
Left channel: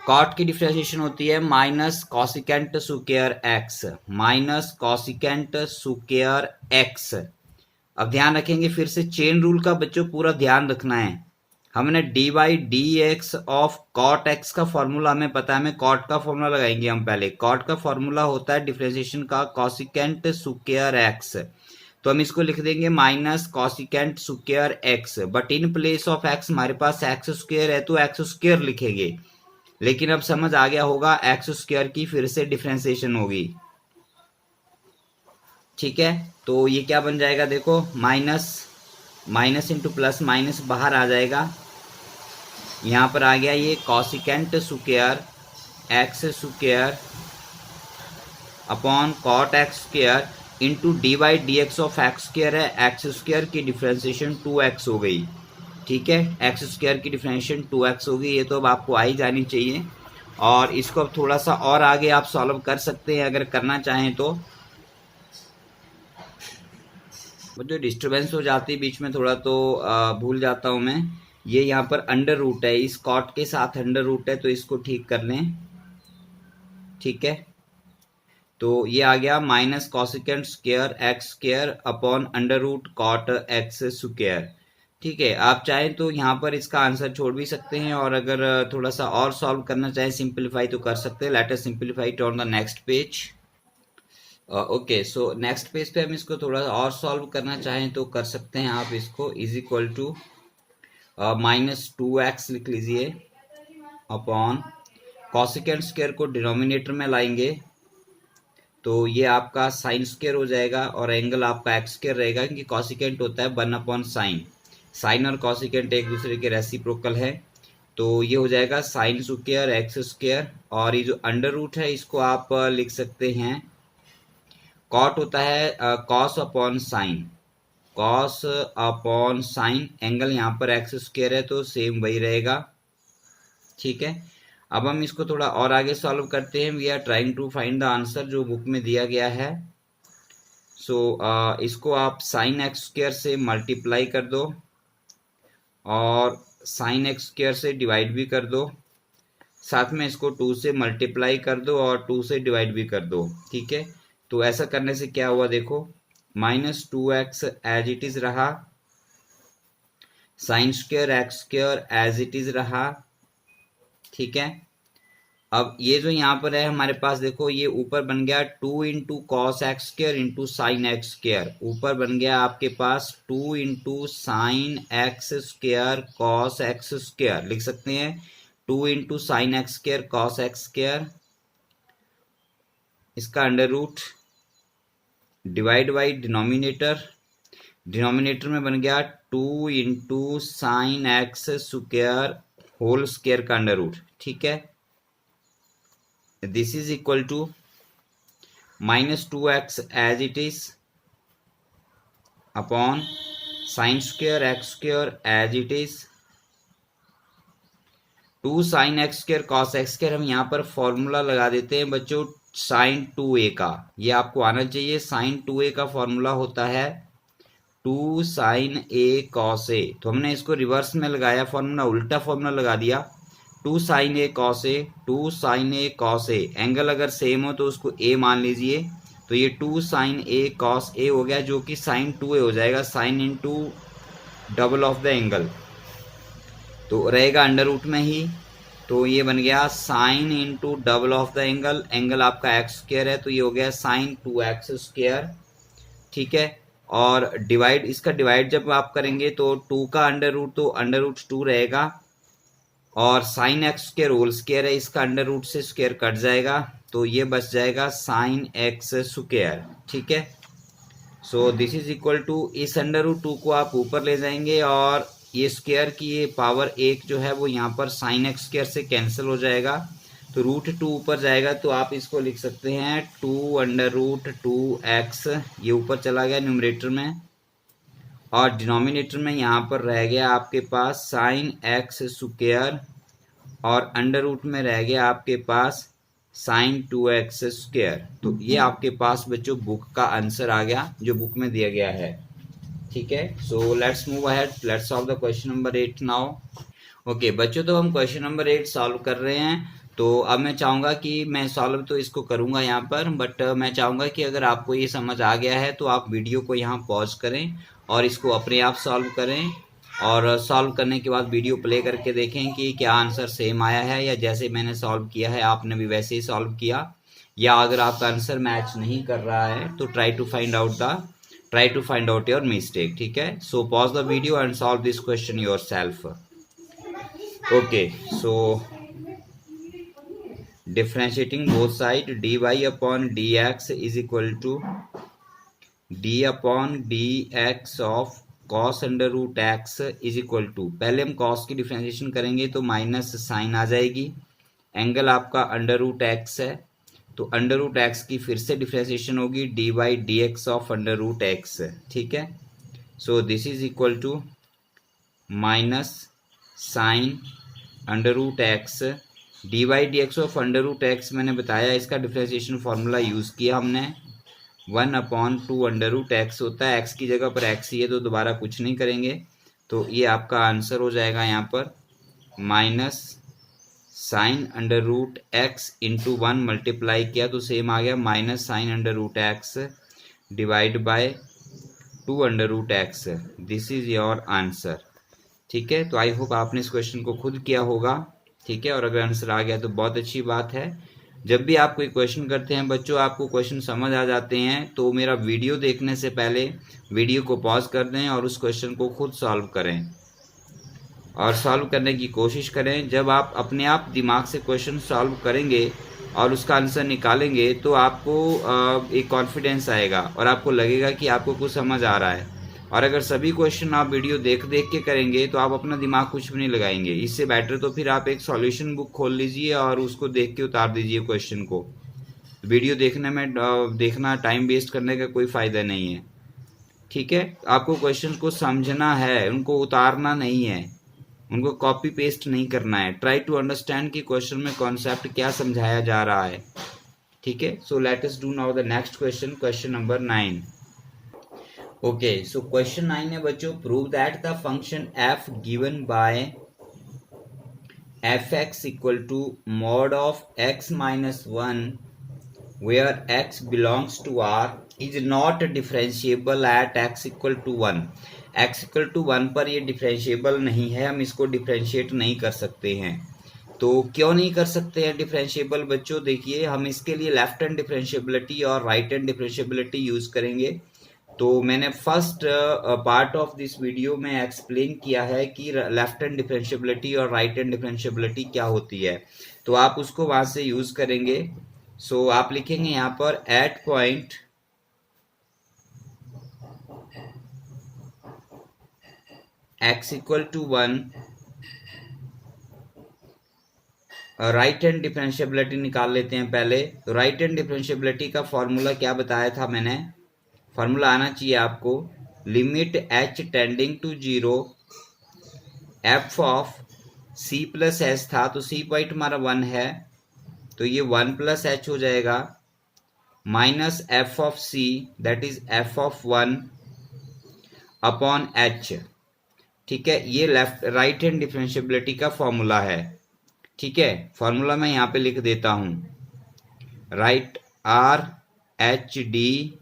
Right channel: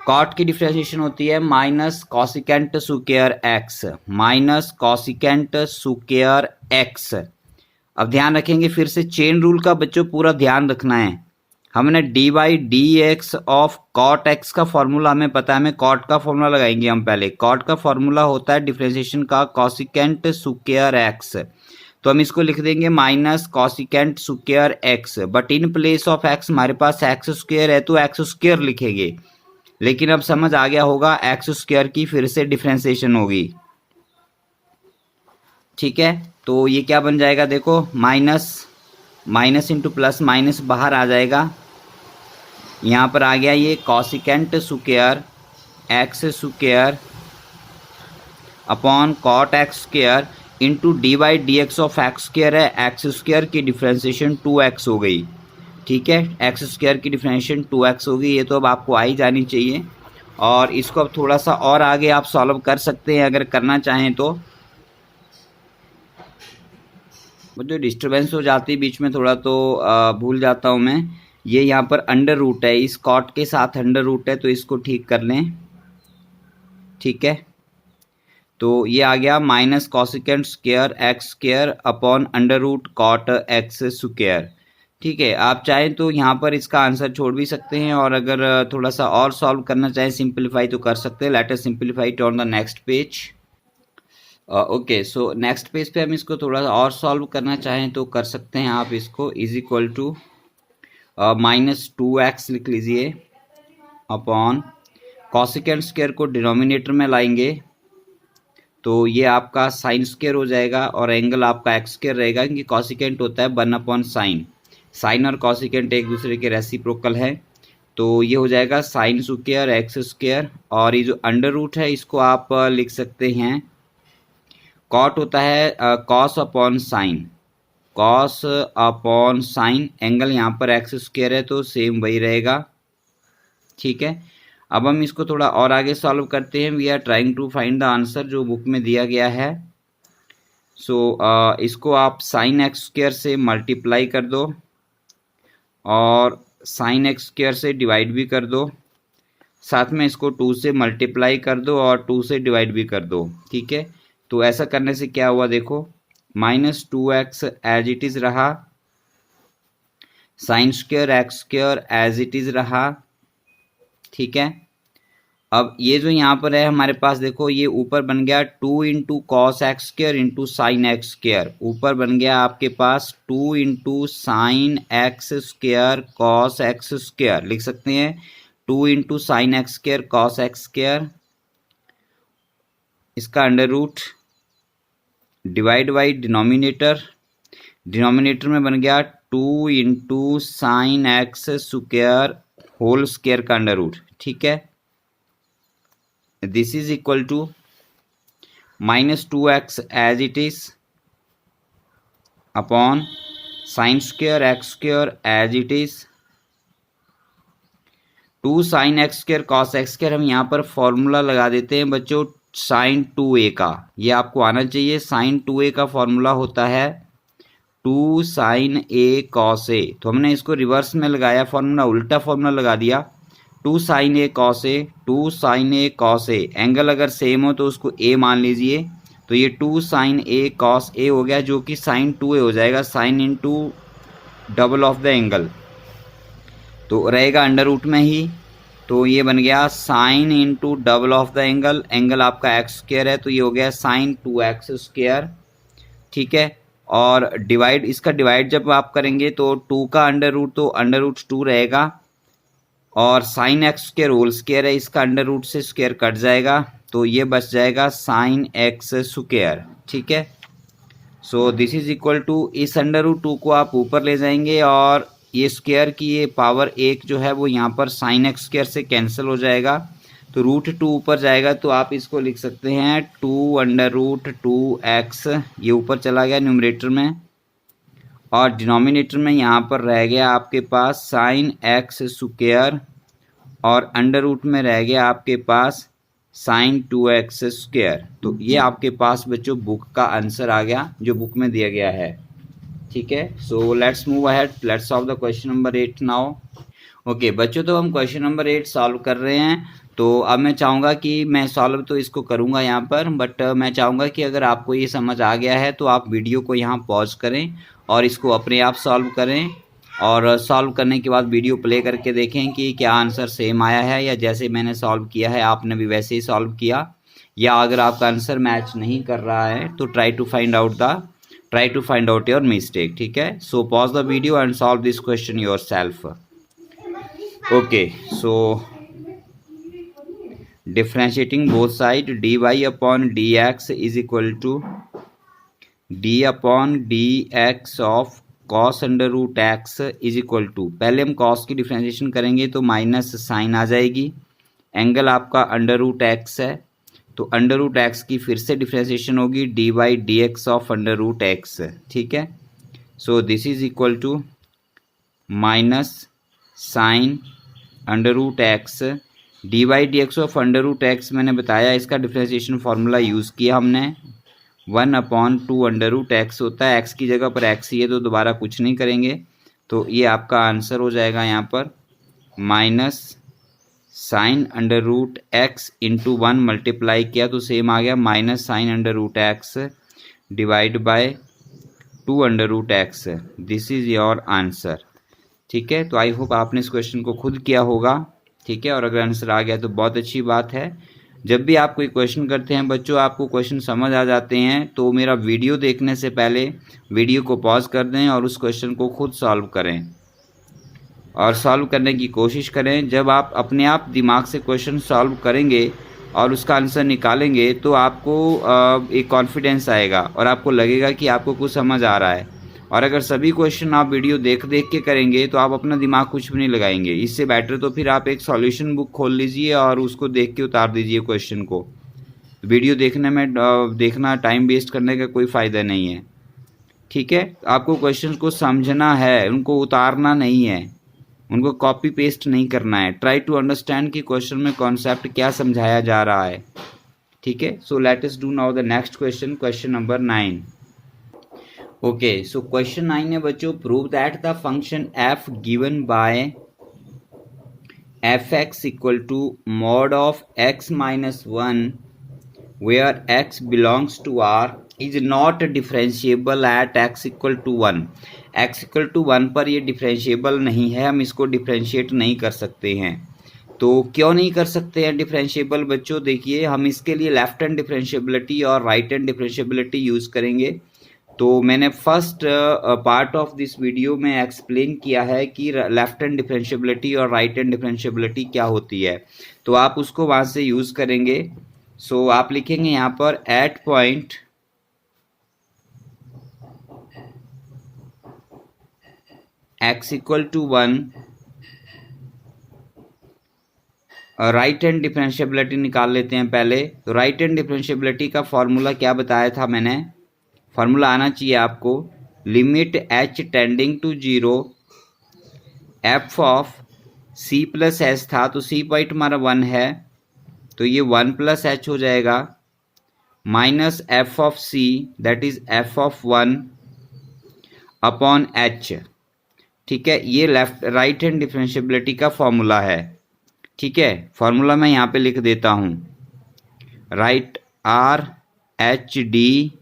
cot की डिफ्रेंसिएशन होती है minus cosecant square x, minus cosecant square x। अब ध्यान रखेंगे, फिर से चेन रूल का बच्चों पूरा ध्यान रखना है। हमने d/dx ऑफ cot x का फॉर्मूला हमें पता है, हमें cot का फॉर्मूला लगाएंगे हम पहले। cot का फॉर्मूला होता है डिफ्रेंसिएशन का कॉसिकेंट स्क्वायर x, तो हम इसको लिख देंगे minus cosecant square x, but in place of x हमारे पास x² है तो x² लिखेंगे, लेकिन अब समझ आ गया होगा x² की फिर से डिफ्रेंसिएशन होगी। ठीक है, तो ये क्या बन जाएगा, देखो माइनस इंटू प्लस माइनस बाहर आ जाएगा, यहाँ पर आ गया ये cosecant square x² upon cot x² into d/dx of x² है, x² की डिफ्रेंसिएशन 2x हो गई। ठीक है, x² की डिफ्रेंशिएशन 2x होगी, ये तो अब आपको आ ही जानी चाहिए। और इसको अब थोड़ा सा और आगे आप सॉल्व कर सकते हैं अगर करना चाहें तो। वो जो डिस्टर्बेंस हो जाती है बीच में थोड़ा, तो भूल जाता हूँ मैं। ये यहाँ पर अंडर रूट है, इस cot के साथ अंडर रूट है, तो इसको ठीक कर लें। ठीक है, तो ये आ गया minus cosecant square x² upon √cot x²। ठीक है, आप चाहें तो यहाँ पर इसका आंसर छोड़ भी सकते हैं, और अगर थोड़ा सा और सॉल्व करना चाहें सिंपलीफाई तो कर सकते हैं। Let us simplify it on the next page. Okay, so next page पे हम इसको थोड़ा सा और सॉल्व करना चाहें तो कर सकते हैं आप इसको। इज इक्वल टू -2x लिख लीजिए अपॉन कॉसिकेंट स्क्वायर को डिनोमिनेटर में लाएंगे, तो ये आपका साइन स्क्वायर हो जाएगा और एंगल आपका x² रहेगा, क्योंकि कॉसिकेंट होता है 1/sin। साइन और कॉसिकेंट एक दूसरे के रेसिप्रोकल है, तो ये हो जाएगा साइन स्क्वायर x², और ये जो अंडर रूट है इसको आप लिख सकते हैं, cot होता है cos upon sine, cos upon sine, angle यहाँ पर x² है तो सेम वही रहेगा। ठीक है, अब हम इसको थोड़ा और आगे सॉल्व करते हैं। We are trying to find the answer जो बुक में दिया गया है। सो इसको आप sin x² से मल्टीप्लाई कर दो, और साइन एक्स स्क्वायर से डिवाइड भी कर दो, साथ में इसको 2 से मल्टीप्लाई कर दो और 2 से डिवाइड भी कर दो, ठीक है। तो ऐसा करने से क्या हुआ देखो, -2x एज इट इज रहा, sine square x square as it is रहा, ठीक है। अब ये जो यहाँ पर है हमारे पास देखो, ये ऊपर बन गया 2 into cos x square into sine x square, ऊपर बन गया आपके पास 2 into sine x square cos x square, लिख सकते हैं 2 into sine x square cos x square, इसका under root divide by denominator, denominator में बन गया 2 into sine x square whole square का अंडर रूट, ठीक है। This is equal to -2x as it is upon sine square x square as it is, 2 sine x square cos x square. हम यहाँ पर फॉर्मूला लगा देते हैं बच्चों साइन 2a का, ये आपको आना चाहिए। साइन 2a का फॉर्मूला होता है 2 साइन a कॉस a, तो हमने इसको रिवर्स में लगाया फॉर्मूला, उल्टा फॉर्मूला लगा दिया 2 sine a cos a, 2 sine a cos a, angle अगर सेम हो तो उसको a मान लीजिए, तो ये 2 साइन a कॉस a हो गया, जो कि साइन 2a हो जाएगा, sine into double of the angle, तो रहेगा अंडर रूट में ही, तो ये बन गया sine into double of the angle, angle आपका एक्स स्क्वायर है तो ये हो गया साइन 2x स्क्वायर, ठीक है। और डिवाइड, इसका डिवाइड जब आप करेंगे तो 2 का अंडर रूट तो अंडर रूट 2 रहेगा, और sine x square whole square है, इसका अंडर रूट से स्क्वायर कट जाएगा, तो ये बच जाएगा साइन एक्स स्क्वायर, ठीक है। So this is equal to, इस अंडर रूट 2 को आप ऊपर ले जाएंगे और ये स्क्वायर की ये पावर 1 जो है वो यहाँ पर साइन एक्स स्क्वायर से कैंसिल हो जाएगा, तो रूट 2 ऊपर जाएगा, तो आप इसको लिख सकते हैं 2 अंडर रूट 2x, ये ऊपर चला गया न्यूमरेटर में, और डिनोमिनेटर में यहाँ पर रह गया आपके पास साइन एक्स स्क्वायर, और अंडर रूट में रह गया आपके पास साइन 2x स्क्वायर। तो ये आपके पास बच्चों बुक का आंसर आ गया जो बुक में दिया गया है, ठीक है। So let's move ahead, let's solve the question number 8 now. Okay बच्चों, तो हम क्वेश्चन नंबर 8 सॉल्व कर रहे हैं। तो अब मैं चाहूँगा कि मैं सॉल्व तो इसको करूँगा यहाँ पर, बट मैं चाहूँगा कि अगर आपको ये समझ आ गया है तो आप वीडियो को यहाँ पॉज करें और इसको अपने आप सॉल्व करें, और सॉल्व करने के बाद वीडियो प्ले करके देखें कि क्या आंसर सेम आया है, या जैसे मैंने सॉल्व किया है आपने भी वैसे ही सॉल्व किया, या अगर आपका आंसर मैच नहीं कर रहा है तो try to find out your mistake, ठीक है। So pause the video and solve this question yourself. Okay, so differentiating both side dy upon dx is equal to d upon dx of cos under root x is equal to, पहले हम कॉस की डिफरेंशिएशन करेंगे तो माइनस साइन आ जाएगी, एंगल आपका अंडर रूट एक्स है तो अंडर रूट एक्स की फिर से डिफरेंशिएशन होगी dy dx of under root x, ठीक है। So this is equal to minus sine under root x dy dx of under root x, मैंने बताया इसका डिफरेंशिएशन फार्मूला यूज़ किया हमने, 1/2 अंडर रूट एक्स होता है, एक्स की जगह पर एक्स ही है तो दोबारा कुछ नहीं करेंगे, तो ये आपका आंसर हो जाएगा यहाँ पर minus sine under root x into 1 multiply किया तो सेम आ गया minus sine under root x divide by 2 under root x, this is your answer, ठीक है। तो आई होप आपने इस क्वेश्चन को खुद किया होगा, ठीक है, और अगर आंसर आ गया तो बहुत अच्छी बात है। जब भी आप कोई क्वेश्चन करते हैं बच्चों, आपको क्वेश्चन समझ आ जाते हैं तो मेरा वीडियो देखने से पहले वीडियो को पॉज कर दें और उस क्वेश्चन को खुद सॉल्व करें और सॉल्व करने की कोशिश करें। जब आप अपने आप दिमाग से क्वेश्चन सॉल्व करेंगे और उसका आंसर निकालेंगे तो आपको एक कॉन्फिडेंस आएगा और आपको लगेगा कि आपको कुछ समझ आ रहा है। और अगर सभी क्वेश्चन आप वीडियो देख देख के करेंगे तो आप अपना दिमाग कुछ भी नहीं लगाएंगे। इससे बेटर तो फिर आप एक सॉल्यूशन बुक खोल लीजिए और उसको देख के उतार दीजिए क्वेश्चन को। वीडियो देखने में देखना टाइम वेस्ट करने का कोई फ़ायदा नहीं है, ठीक है। आपको क्वेश्चन को समझना है, उनको उतारना नहीं है, उनको कॉपी पेस्ट नहीं करना है। ट्राई टू अंडरस्टैंड कि क्वेश्चन में कॉन्सेप्ट क्या समझाया जा रहा है, ठीक है। So let us do now the next question, question number 9। Okay, so question 9 है बच्चों, prove that the function f given by f x equal to mod of x minus one where x belongs to R is not differentiable at x equal to one. X equal to one पर ये डिफरेंशिएबल नहीं है, हम इसको डिफरेंशिएट नहीं कर सकते हैं। तो क्यों नहीं कर सकते हैं डिफरेंशिएबल बच्चों? देखिए, हम इसके लिए लेफ्ट हैंड डिफरेंशिएबिलिटी और राइट हैंड डिफरेंशिएबिलिटी यूज करेंगे। तो मैंने first part of this video में एक्सप्लेन किया है कि लेफ्ट हैंड डिफरेंशिएबिलिटी और राइट हैंड डिफरेंशिएबिलिटी क्या होती है, तो आप उसको वहां से यूज करेंगे। सो आप लिखेंगे यहाँ पर at point x equal to one, right hand differentiability निकाल लेते हैं पहले। तो राइट हैंड डिफरेंशिएबिलिटी का फॉर्मूला क्या बताया था मैंने? फॉर्मूला आना चाहिए आपको, limit h tending to zero f of c plus h था, तो c पॉइंट हमारा 1 है, तो ये 1 प्लस एच हो जाएगा, minus f of c that is F of 1 upon h। ठीक है, ये लेफ्ट राइट हैंड डिफरेंशिएबिलिटी का फॉर्मूला है। ठीक है, फॉर्मूला मैं यहाँ पे लिख देता हूँ, right R H D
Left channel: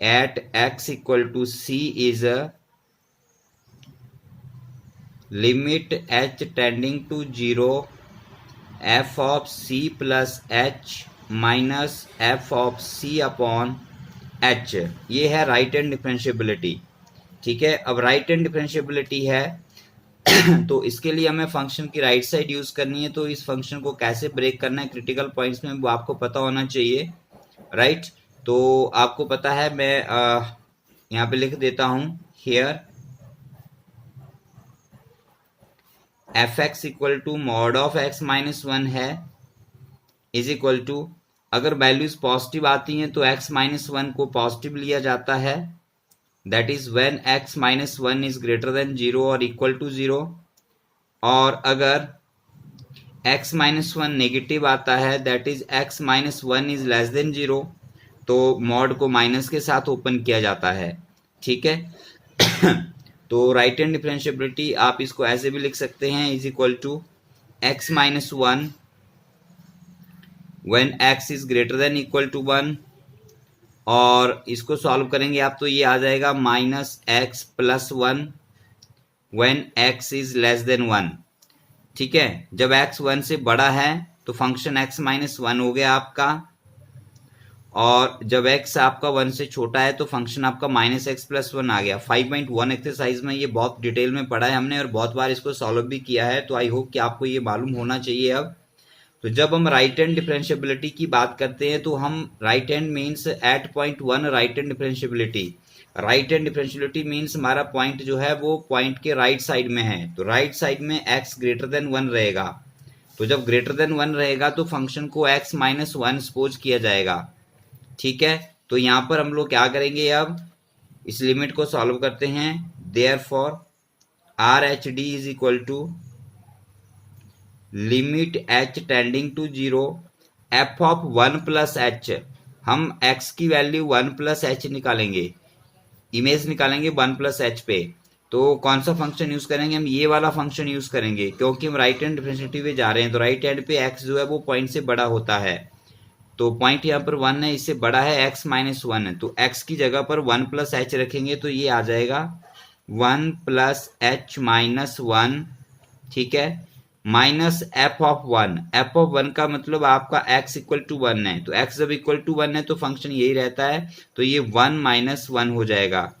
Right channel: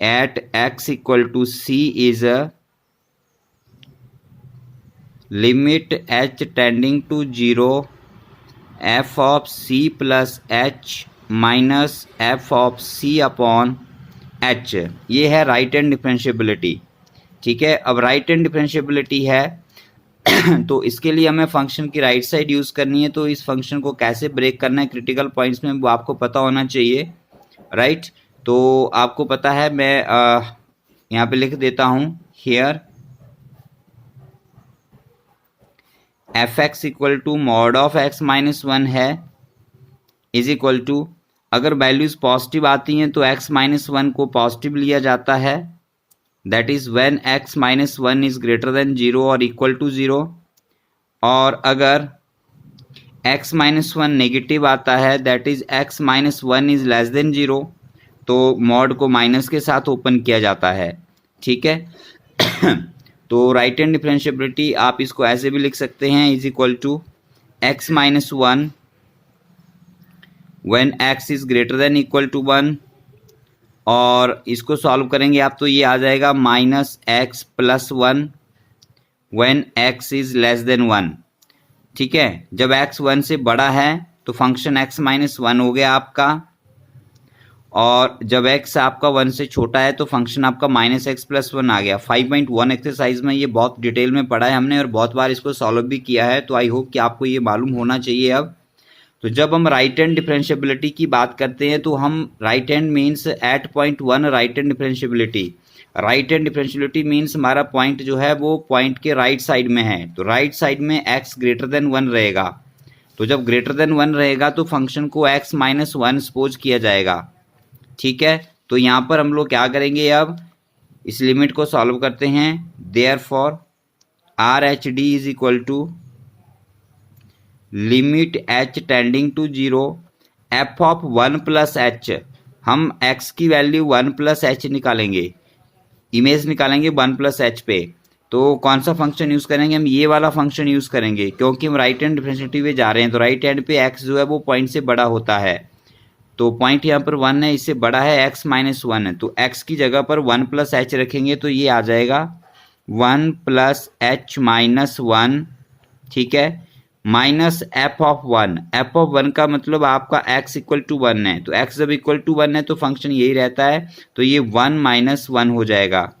at x equal to c is limit H tending to zero f of c plus h minus f of c upon h. ये है राइट हैंड डिफरेंशिएबिलिटी। ठीक है, अब राइट हैंड डिफरेंशिएबिलिटी है तो इसके लिए हमें फंक्शन की राइट साइड यूज करनी है। तो इस फंक्शन को कैसे ब्रेक करना है क्रिटिकल पॉइंट्स में, वो आपको पता होना चाहिए, राइट। तो आपको पता है, मैं यहाँ पे लिख देता हूं, here f x equal to mod of x minus one है, इज इक्वल टू, अगर वैल्यूज पॉजिटिव आती हैं तो एक्स माइनस वन को पॉजिटिव लिया जाता है, that is when x minus one is greater than zero और इक्वल टू जीरो। और अगर x माइनस वन नेगेटिव आता है, that is x minus one is less than zero, तो मॉड को माइनस के साथ ओपन किया जाता है। ठीक है तो राइट हैंड डिफरेंशिएबिलिटी आप इसको ऐसे भी लिख सकते हैं, is equal to x minus one when x is greater than equal to one, और इसको सॉल्व करेंगे आप तो ये आ जाएगा minus x plus one when x is less than one. ठीक है, जब x 1 से बड़ा है तो फंक्शन x माइनस वन हो गया आपका, और जब x आपका 1 से छोटा है तो फंक्शन आपका माइनस एक्स प्लस वन आ गया। 5.1 एक्सरसाइज में ये बहुत डिटेल में पढ़ा है हमने और बहुत बार इसको सॉल्व भी किया है, तो आई होप कि आपको ये मालूम होना चाहिए अब। तो जब हम राइट हैंड डिफरेंशिएबिलिटी की बात करते हैं तो हम right hand means at point one right hand differentiability. Right hand differentiability means हमारा पॉइंट जो है वो पॉइंट के राइट साइड में है, तो राइट साइड में x ग्रेटर देन वन रहेगा। तो जब ग्रेटर देन वन रहेगा तो फंक्शन को x माइनस वन सपोज किया जाएगा। ठीक है, तो यहाँ पर हम लोग क्या करेंगे, अब इस लिमिट को सॉल्व करते हैं। Therefore R H D is equal to limit h tending to zero f of one plus h. हम x की वैल्यू वन प्लस एच निकालेंगे, इमेज निकालेंगे वन प्लस एच पे। तो कौन सा फंक्शन यूज करेंगे? हम ये वाला फंक्शन यूज करेंगे, क्योंकि हम राइट हैंड डिफरेंशिएबिलिटी पे जा रहे हैं। तो राइट हैंड पे x जो है वो पॉइंट से बड़ा होता है, तो पॉइंट यहाँ पर वन है, इससे बड़ा है x माइनस वन है, तो x की जगह पर वन प्लस एच रखेंगे तो ये आ जाएगा one plus h minus one. ठीक है, minus f of one. F of one का मतलब आपका x इक्वल टू वन है, तो x जब इक्वल टू वन है तो फंक्शन यही रहता है, तो ये वन माइनस वन हो जाएगा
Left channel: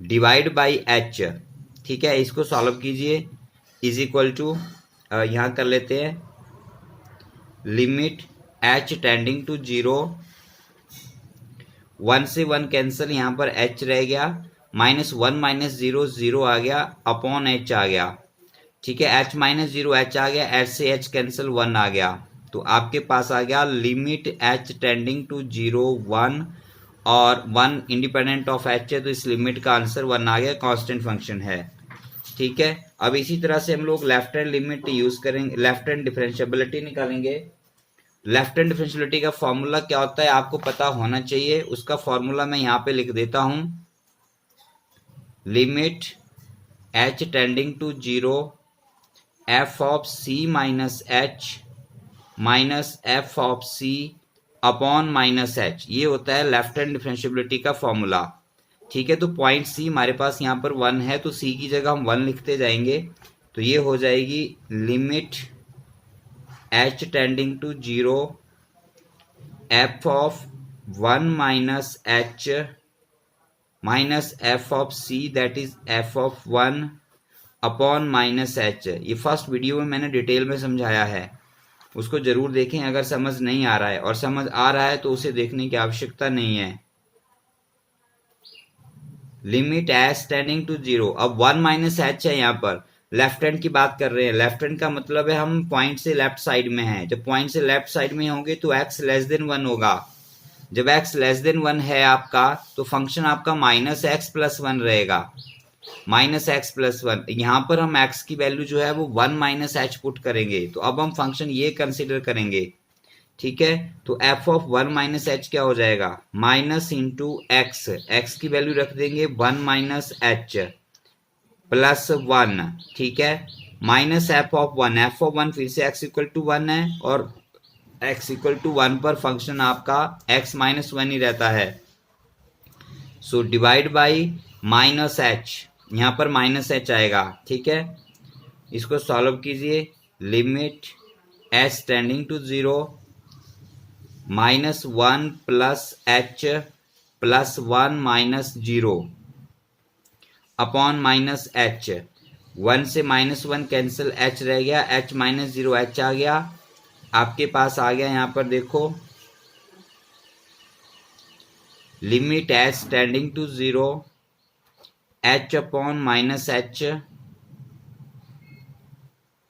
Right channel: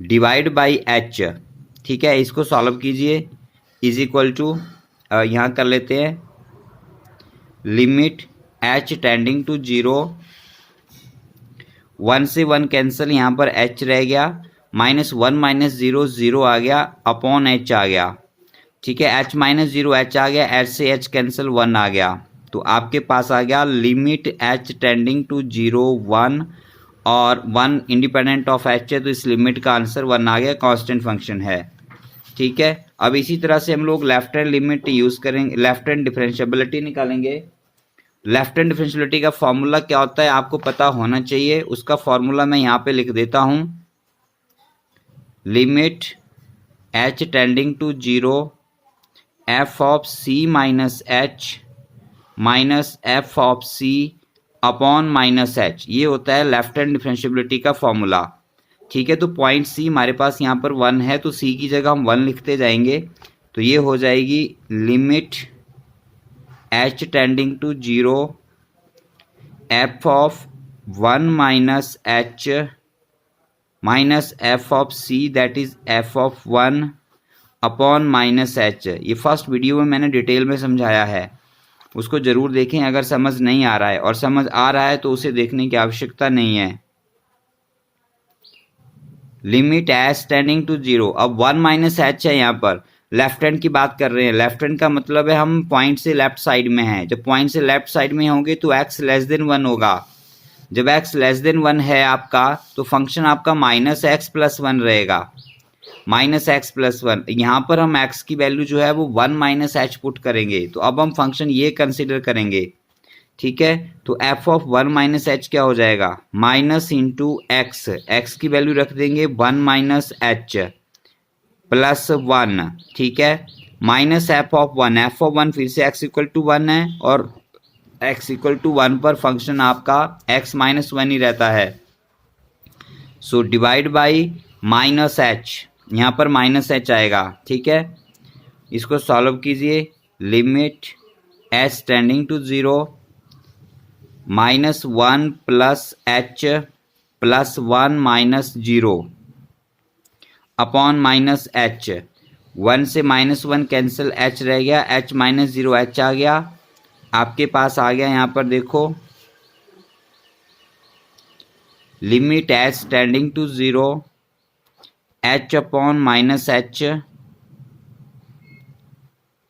डिवाइड बाई h। ठीक है, इसको सॉल्व कीजिए, इज इक्वल टू यहाँ कर लेते हैं limit h tending to zero, one से वन कैंसिल, यहाँ पर h रह गया, minus one minus zero zero आ गया, अपॉन h आ गया। ठीक है, h माइनस जीरो h आ गया, h से h कैंसिल वन आ गया, तो आपके पास आ गया limit h tending to zero one, और वन इंडिपेंडेंट ऑफ h है तो इस लिमिट का आंसर वन आ गया, कांस्टेंट फंक्शन है। ठीक है, अब इसी तरह से हम लोग लेफ्ट हैंड लिमिट यूज करेंगे, लेफ्ट हैंड डिफरेंशिएबिलिटी निकालेंगे। लेफ्ट हैंड डिफरेंशियलिटी का फॉर्मूला क्या होता है आपको पता होना चाहिए। उसका फॉर्मूला मैं यहाँ पे लिख देता हूं, limit h tending to 0 f of c minus h minus f of c upon minus h। ये होता है लेफ्ट हैंड डिफरेंशियबिलिटी का फॉर्मूला। ठीक है, तो पॉइंट c हमारे पास यहाँ पर 1 है, तो c की जगह हम 1 लिखते जाएंगे, तो ये हो जाएगी limit h tending to 0 f of 1 minus h minus f of c that is f of 1 upon minus h। ये फर्स्ट वीडियो में मैंने डिटेल में समझाया है, उसको जरूर देखें अगर समझ नहीं आ रहा है, और समझ आ रहा है तो उसे देखने की आवश्यकता नहीं है। लिमिट h टेंडिंग टू 0, अब 1 माइनस h है, यहाँ पर लेफ्ट हैंड की बात कर रहे हैं। लेफ्ट हैंड का मतलब है हम पॉइंट से लेफ्ट साइड में हैं। जब पॉइंट से लेफ्ट साइड में होंगे तो x लेस देन 1 होगा। जब x लेस देन 1 है आपका, तो फंक्शन आपका माइनस एक्स प्लस 1 रहेगा, माइनस एक्स प्लस 1। यहाँ पर हम x की वैल्यू जो है वो 1 माइनस h पुट करेंगे, तो अब हम फंक्शन ये कंसिडर करेंगे। ठीक है, तो f ऑफ 1 माइनस h क्या हो जाएगा, माइनस इंटू एक्स, एक्स की वैल्यू रख देंगे 1 माइनस h प्लस 1। ठीक है, minus f of 1, f of 1 फिर से x इक्वल टू 1 है, और x इक्वल टू 1 पर फंक्शन आपका x माइनस 1 ही रहता है। So divide by minus h, यहाँ पर माइनस h आएगा। ठीक है, इसको सॉल्व कीजिए। Limit h tending to 0 minus 1 plus h plus 1 minus 0 upon minus h। 1 से माइनस 1 कैंसिल, h रह गया, h माइनस 0 h आ गया, आपके पास आ गया। यहाँ पर देखो limit h tending to 0 h upon minus h,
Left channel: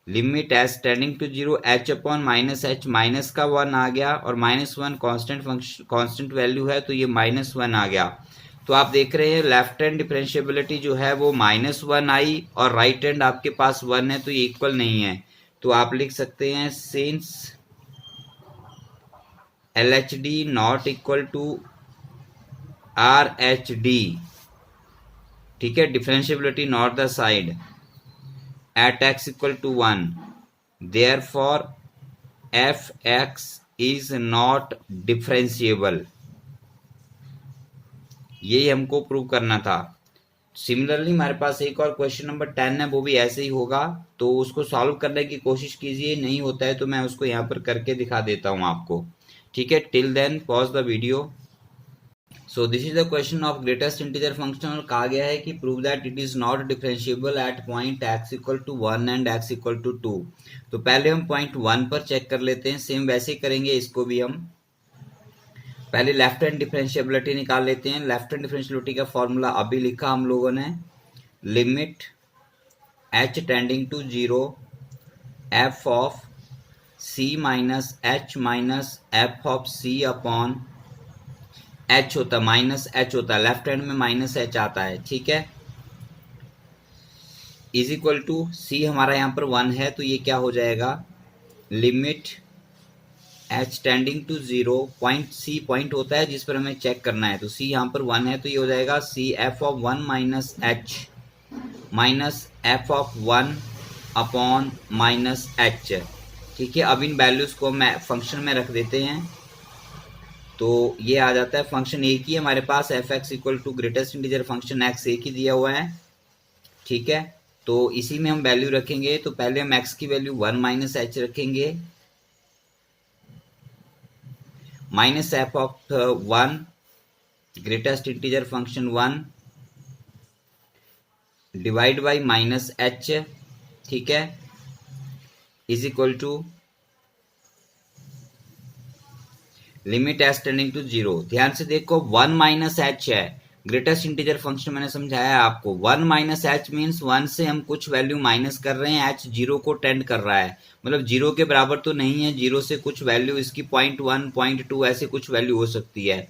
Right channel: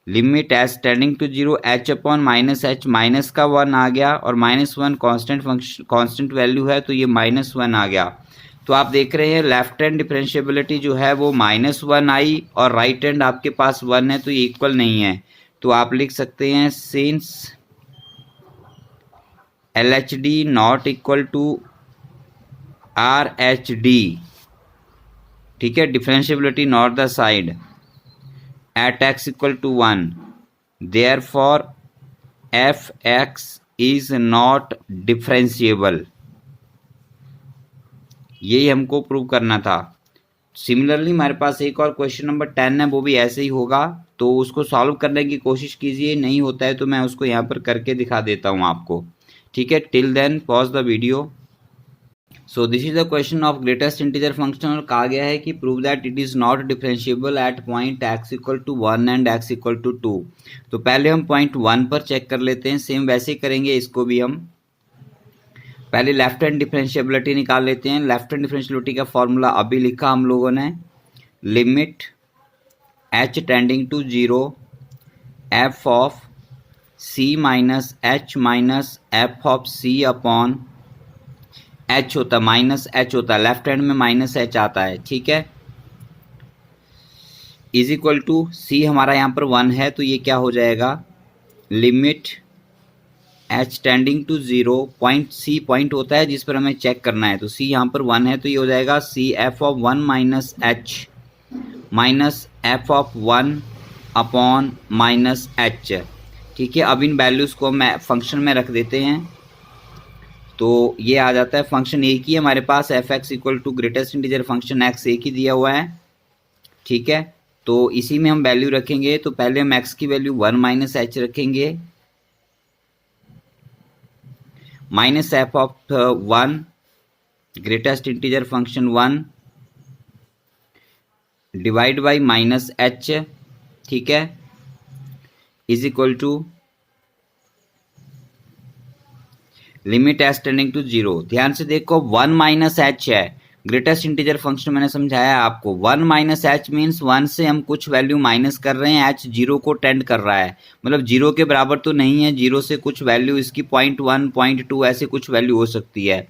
limit h tending to 0 h upon minus h, minus का 1 आ गया, और minus 1 constant function constant value है, तो ये माइनस 1 आ गया। तो आप देख रहे हैं लेफ्ट हैंड डिफरेंशियबिलिटी जो है वो माइनस 1 आई, और राइट हैंड आपके पास 1 है, तो ये इक्वल नहीं है। तो आप लिख सकते हैं since LHD not equal to RHD, ठीक है, differentiability not the side at x equal to 1, therefore fx is not differentiable। यही हमको प्रूव करना था। सिमिलरली हमारे पास एक और क्वेश्चन नंबर 10 है, वो भी ऐसे ही होगा, तो उसको सॉल्व करने की कोशिश कीजिए। नहीं होता है तो मैं उसको यहाँ पर करके दिखा देता हूँ आपको। ठीक है, till then pause the video. So this is the question of greatest integer function, और कहा गया है कि prove that it is not differentiable at point x equal to 1 and x equal to 2। तो पहले हम पॉइंट 1 पर चेक कर लेते हैं, सेम वैसे ही करेंगे इसको भी हम। पहले लेफ्ट हैंड डिफरेंशिएबिलिटी निकाल लेते हैं। लेफ्ट हैंड डिफरेंशिएबिलिटी का फॉर्मूला अभी लिखा हम लोगों ने, limit h tending to 0 f of c minus h minus f of c upon h होता, माइनस h होता है, लेफ्ट हैंड में माइनस h आता है। ठीक है, इज इक्वल टू c हमारा यहाँ पर 1 है, तो ये क्या हो जाएगा, limit h tending to 0, point c point होता है जिस पर हमें चेक करना है, तो c यहाँ पर 1 है, तो ये हो जाएगा c f of 1 minus h minus f of 1 upon minus h। ठीक है, अब इन वैल्यूज को मैं फंक्शन में रख देते हैं, तो ये आ जाता है। फंक्शन एक ही है हमारे पास, F x equal to greatest integer function X एक ही दिया हुआ है। ठीक है, तो इसी में हम वैल्यू रखेंगे। तो पहले हम एक्स की वैल्यू 1 माइनस एच रखेंगे, minus f of 1 greatest integer function 1 divide by minus h. ठीक है, is equal to limit H tending to 0। ध्यान से देखो 1 माइनस एच है, ग्रेटेस्ट इंटीजर फंक्शन मैंने समझाया है आपको। 1 माइनस एच मीन्स 1 से हम कुछ वैल्यू माइनस कर रहे हैं, एच 0 को टेंड कर रहा है, मतलब 0 के बराबर तो नहीं है, 0 से कुछ वैल्यू इसकी 0.1 0.2 ऐसे कुछ वैल्यू हो सकती है।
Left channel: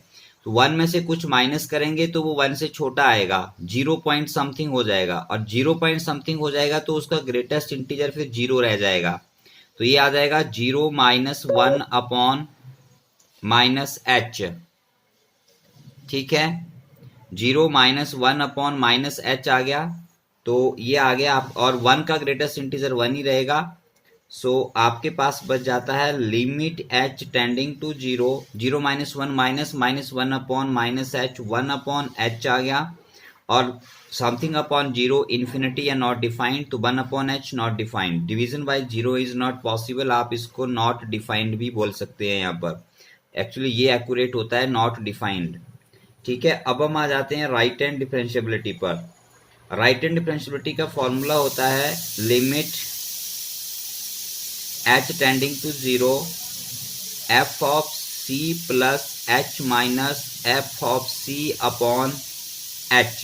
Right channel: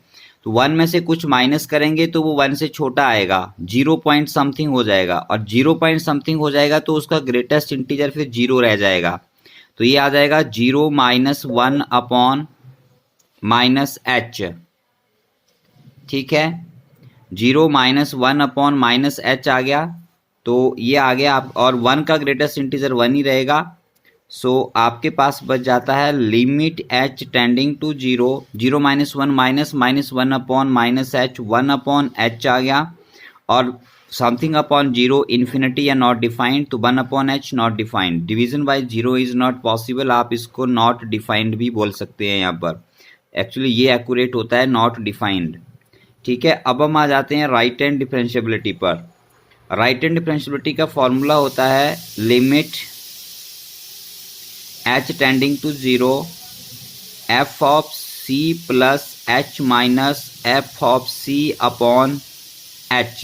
तो 1 में से कुछ माइनस करेंगे तो वो 1 से छोटा आएगा, 0 पॉइंट समथिंग हो जाएगा, और 0 पॉइंट समथिंग हो जाएगा तो उसका ग्रेटेस्ट इंटीजर फिर 0 रह जाएगा। तो ये आ जाएगा 0 माइनस 1 अपॉन माइनस एच, ठीक है। 0 माइनस 1 अपॉन माइनस एच आ गया, तो ये आ गया आप, और 1 का ग्रेटेस्ट इंटीजर 1 ही रहेगा। सो आपके पास बच जाता है limit H tending to 0, 0 minus 1 minus 1 upon minus H, 1 upon H आ गया, और समथिंग अपॉन 0 इन्फिनिटी या नॉट डिफाइंड, तो 1 upon H not defined. Division by 0 is not possible, आप इसको नॉट डिफाइंड भी बोल सकते हैं यहाँ पर। एक्चुअली ये एक्यूरेट होता है नॉट डिफाइंड, ठीक है। अब हम आ जाते हैं राइट हैंड डिफरेंशिएबिलिटी पर। राइट हैंड डिफरेंशिएबिलिटी का फॉर्मूला होता है limit H tending to 0 f of c plus h minus f of c upon h,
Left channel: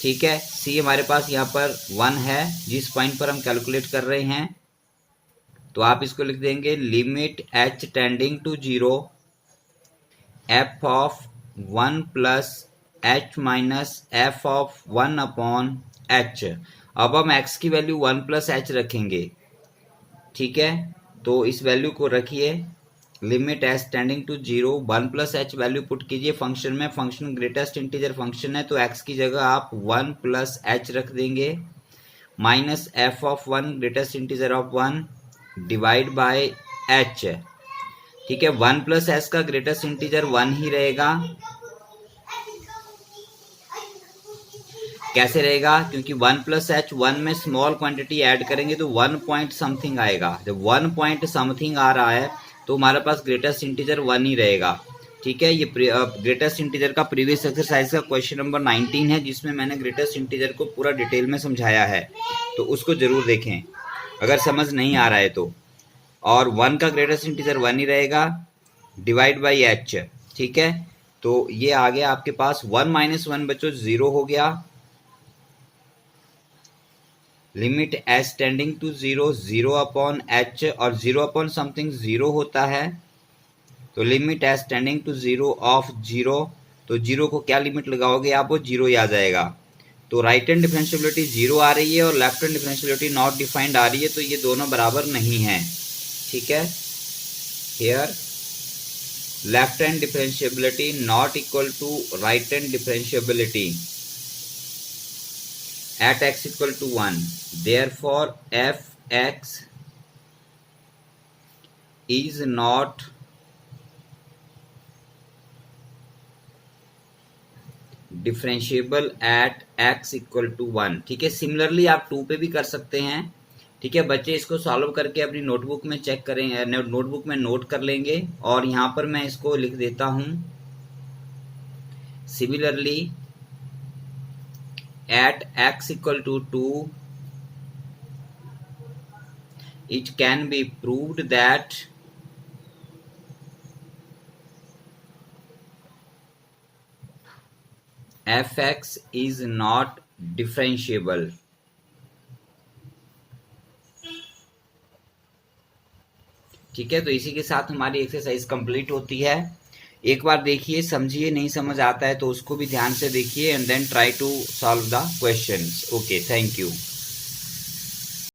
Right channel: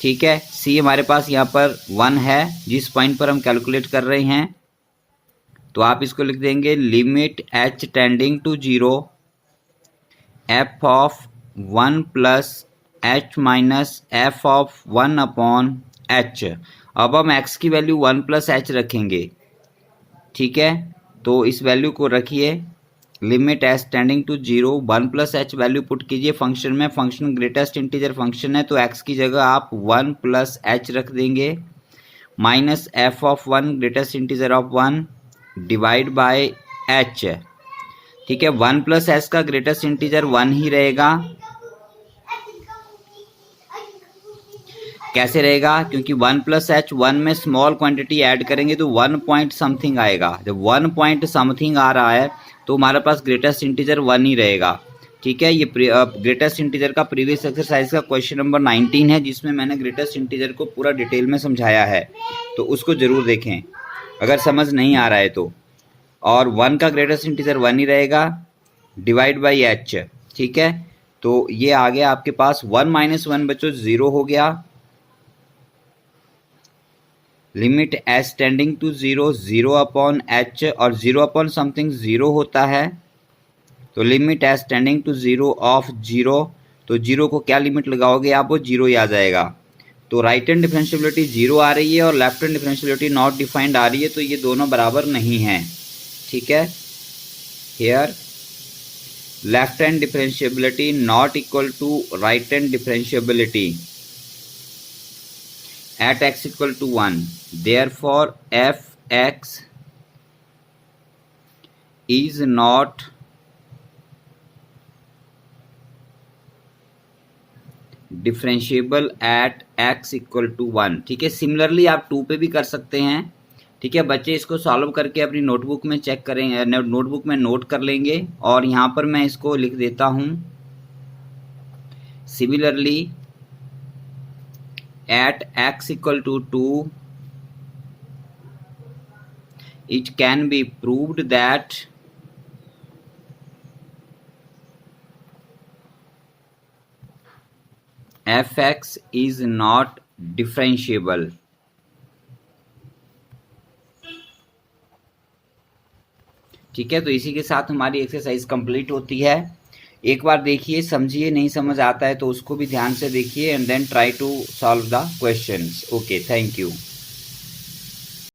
ठीक है। सी हमारे पास यहाँ पर 1 है जिस पॉइंट पर हम कैलकुलेट कर रहे हैं, तो आप इसको लिख देंगे limit H tending to 0 f of 1 plus h minus f of 1 upon h. अब हम x की वैल्यू 1 प्लस एच रखेंगे, ठीक है। तो इस वैल्यू को रखिए, limit H tending to 0 1 plus h value put कीजिए फंक्शन में। फंक्शन ग्रेटेस्ट इंटीजर फंक्शन है, तो x की जगह आप 1 प्लस एच रख देंगे, minus f of 1 greatest integer of 1 divide by H, ठीक है। 1 प्लस एच का ग्रेटेस्ट इंटीजर 1 ही रहेगा। कैसे रहेगा? क्योंकि 1 प्लस एच 1 में स्मॉल क्वांटिटी ऐड करेंगे तो 1 पॉइंट समथिंग आएगा। जब 1 पॉइंट समथिंग आ रहा है तो हमारे पास ग्रेटेस्ट इंटीजर 1 ही रहेगा, ठीक है। ये ग्रेटेस्ट इंटीजर का प्रीवियस एक्सरसाइज का क्वेश्चन नंबर 19 है, जिसमें मैंने ग्रेटेस्ट इंटीजर को पूरा डिटेल में समझाया है, तो उसको जरूर देखें अगर समझ नहीं आ रहा है तो। और 1 का ग्रेटेस्ट इंटीजर 1 ही रहेगा, डिवाइड बाई एच, ठीक है। तो ये आ गया आपके पास 1 माइनस 1 बच्चों 0 हो गया। Limit H tending to 0 0 upon h, और 0 अपॉन समथिंग 0 होता है, तो limit H tending to 0 of 0, तो 0 को क्या लिमिट लगाओगे आप, वो 0 ही आ जाएगा। तो राइट हैंड डिफरेंशिएबिलिटी 0 आ रही है और left hand differentiability not defined आ रही है, तो ये दोनों बराबर नहीं है, ठीक है। Here left hand differentiability not equal to right hand differentiability at x equal to 1, therefore fx is not differentiable at x equal to 1, ठीक है। सिमिलरली आप 2 पे भी कर सकते हैं, ठीक है। बच्चे इसको सॉल्व करके अपनी नोटबुक में चेक करेंगे, नोटबुक में नोट कर लेंगे, और यहाँ पर मैं इसको लिख देता हूँ similarly at x equal to 2 it can be proved that fx is not differentiable, ठीक है। तो इसी के साथ हमारी एक्सरसाइज कंप्लीट होती है। एक बार देखिए, समझिए, नहीं समझ आता है तो उसको भी ध्यान से देखिए, and then try to solve the questions. Okay, thank you.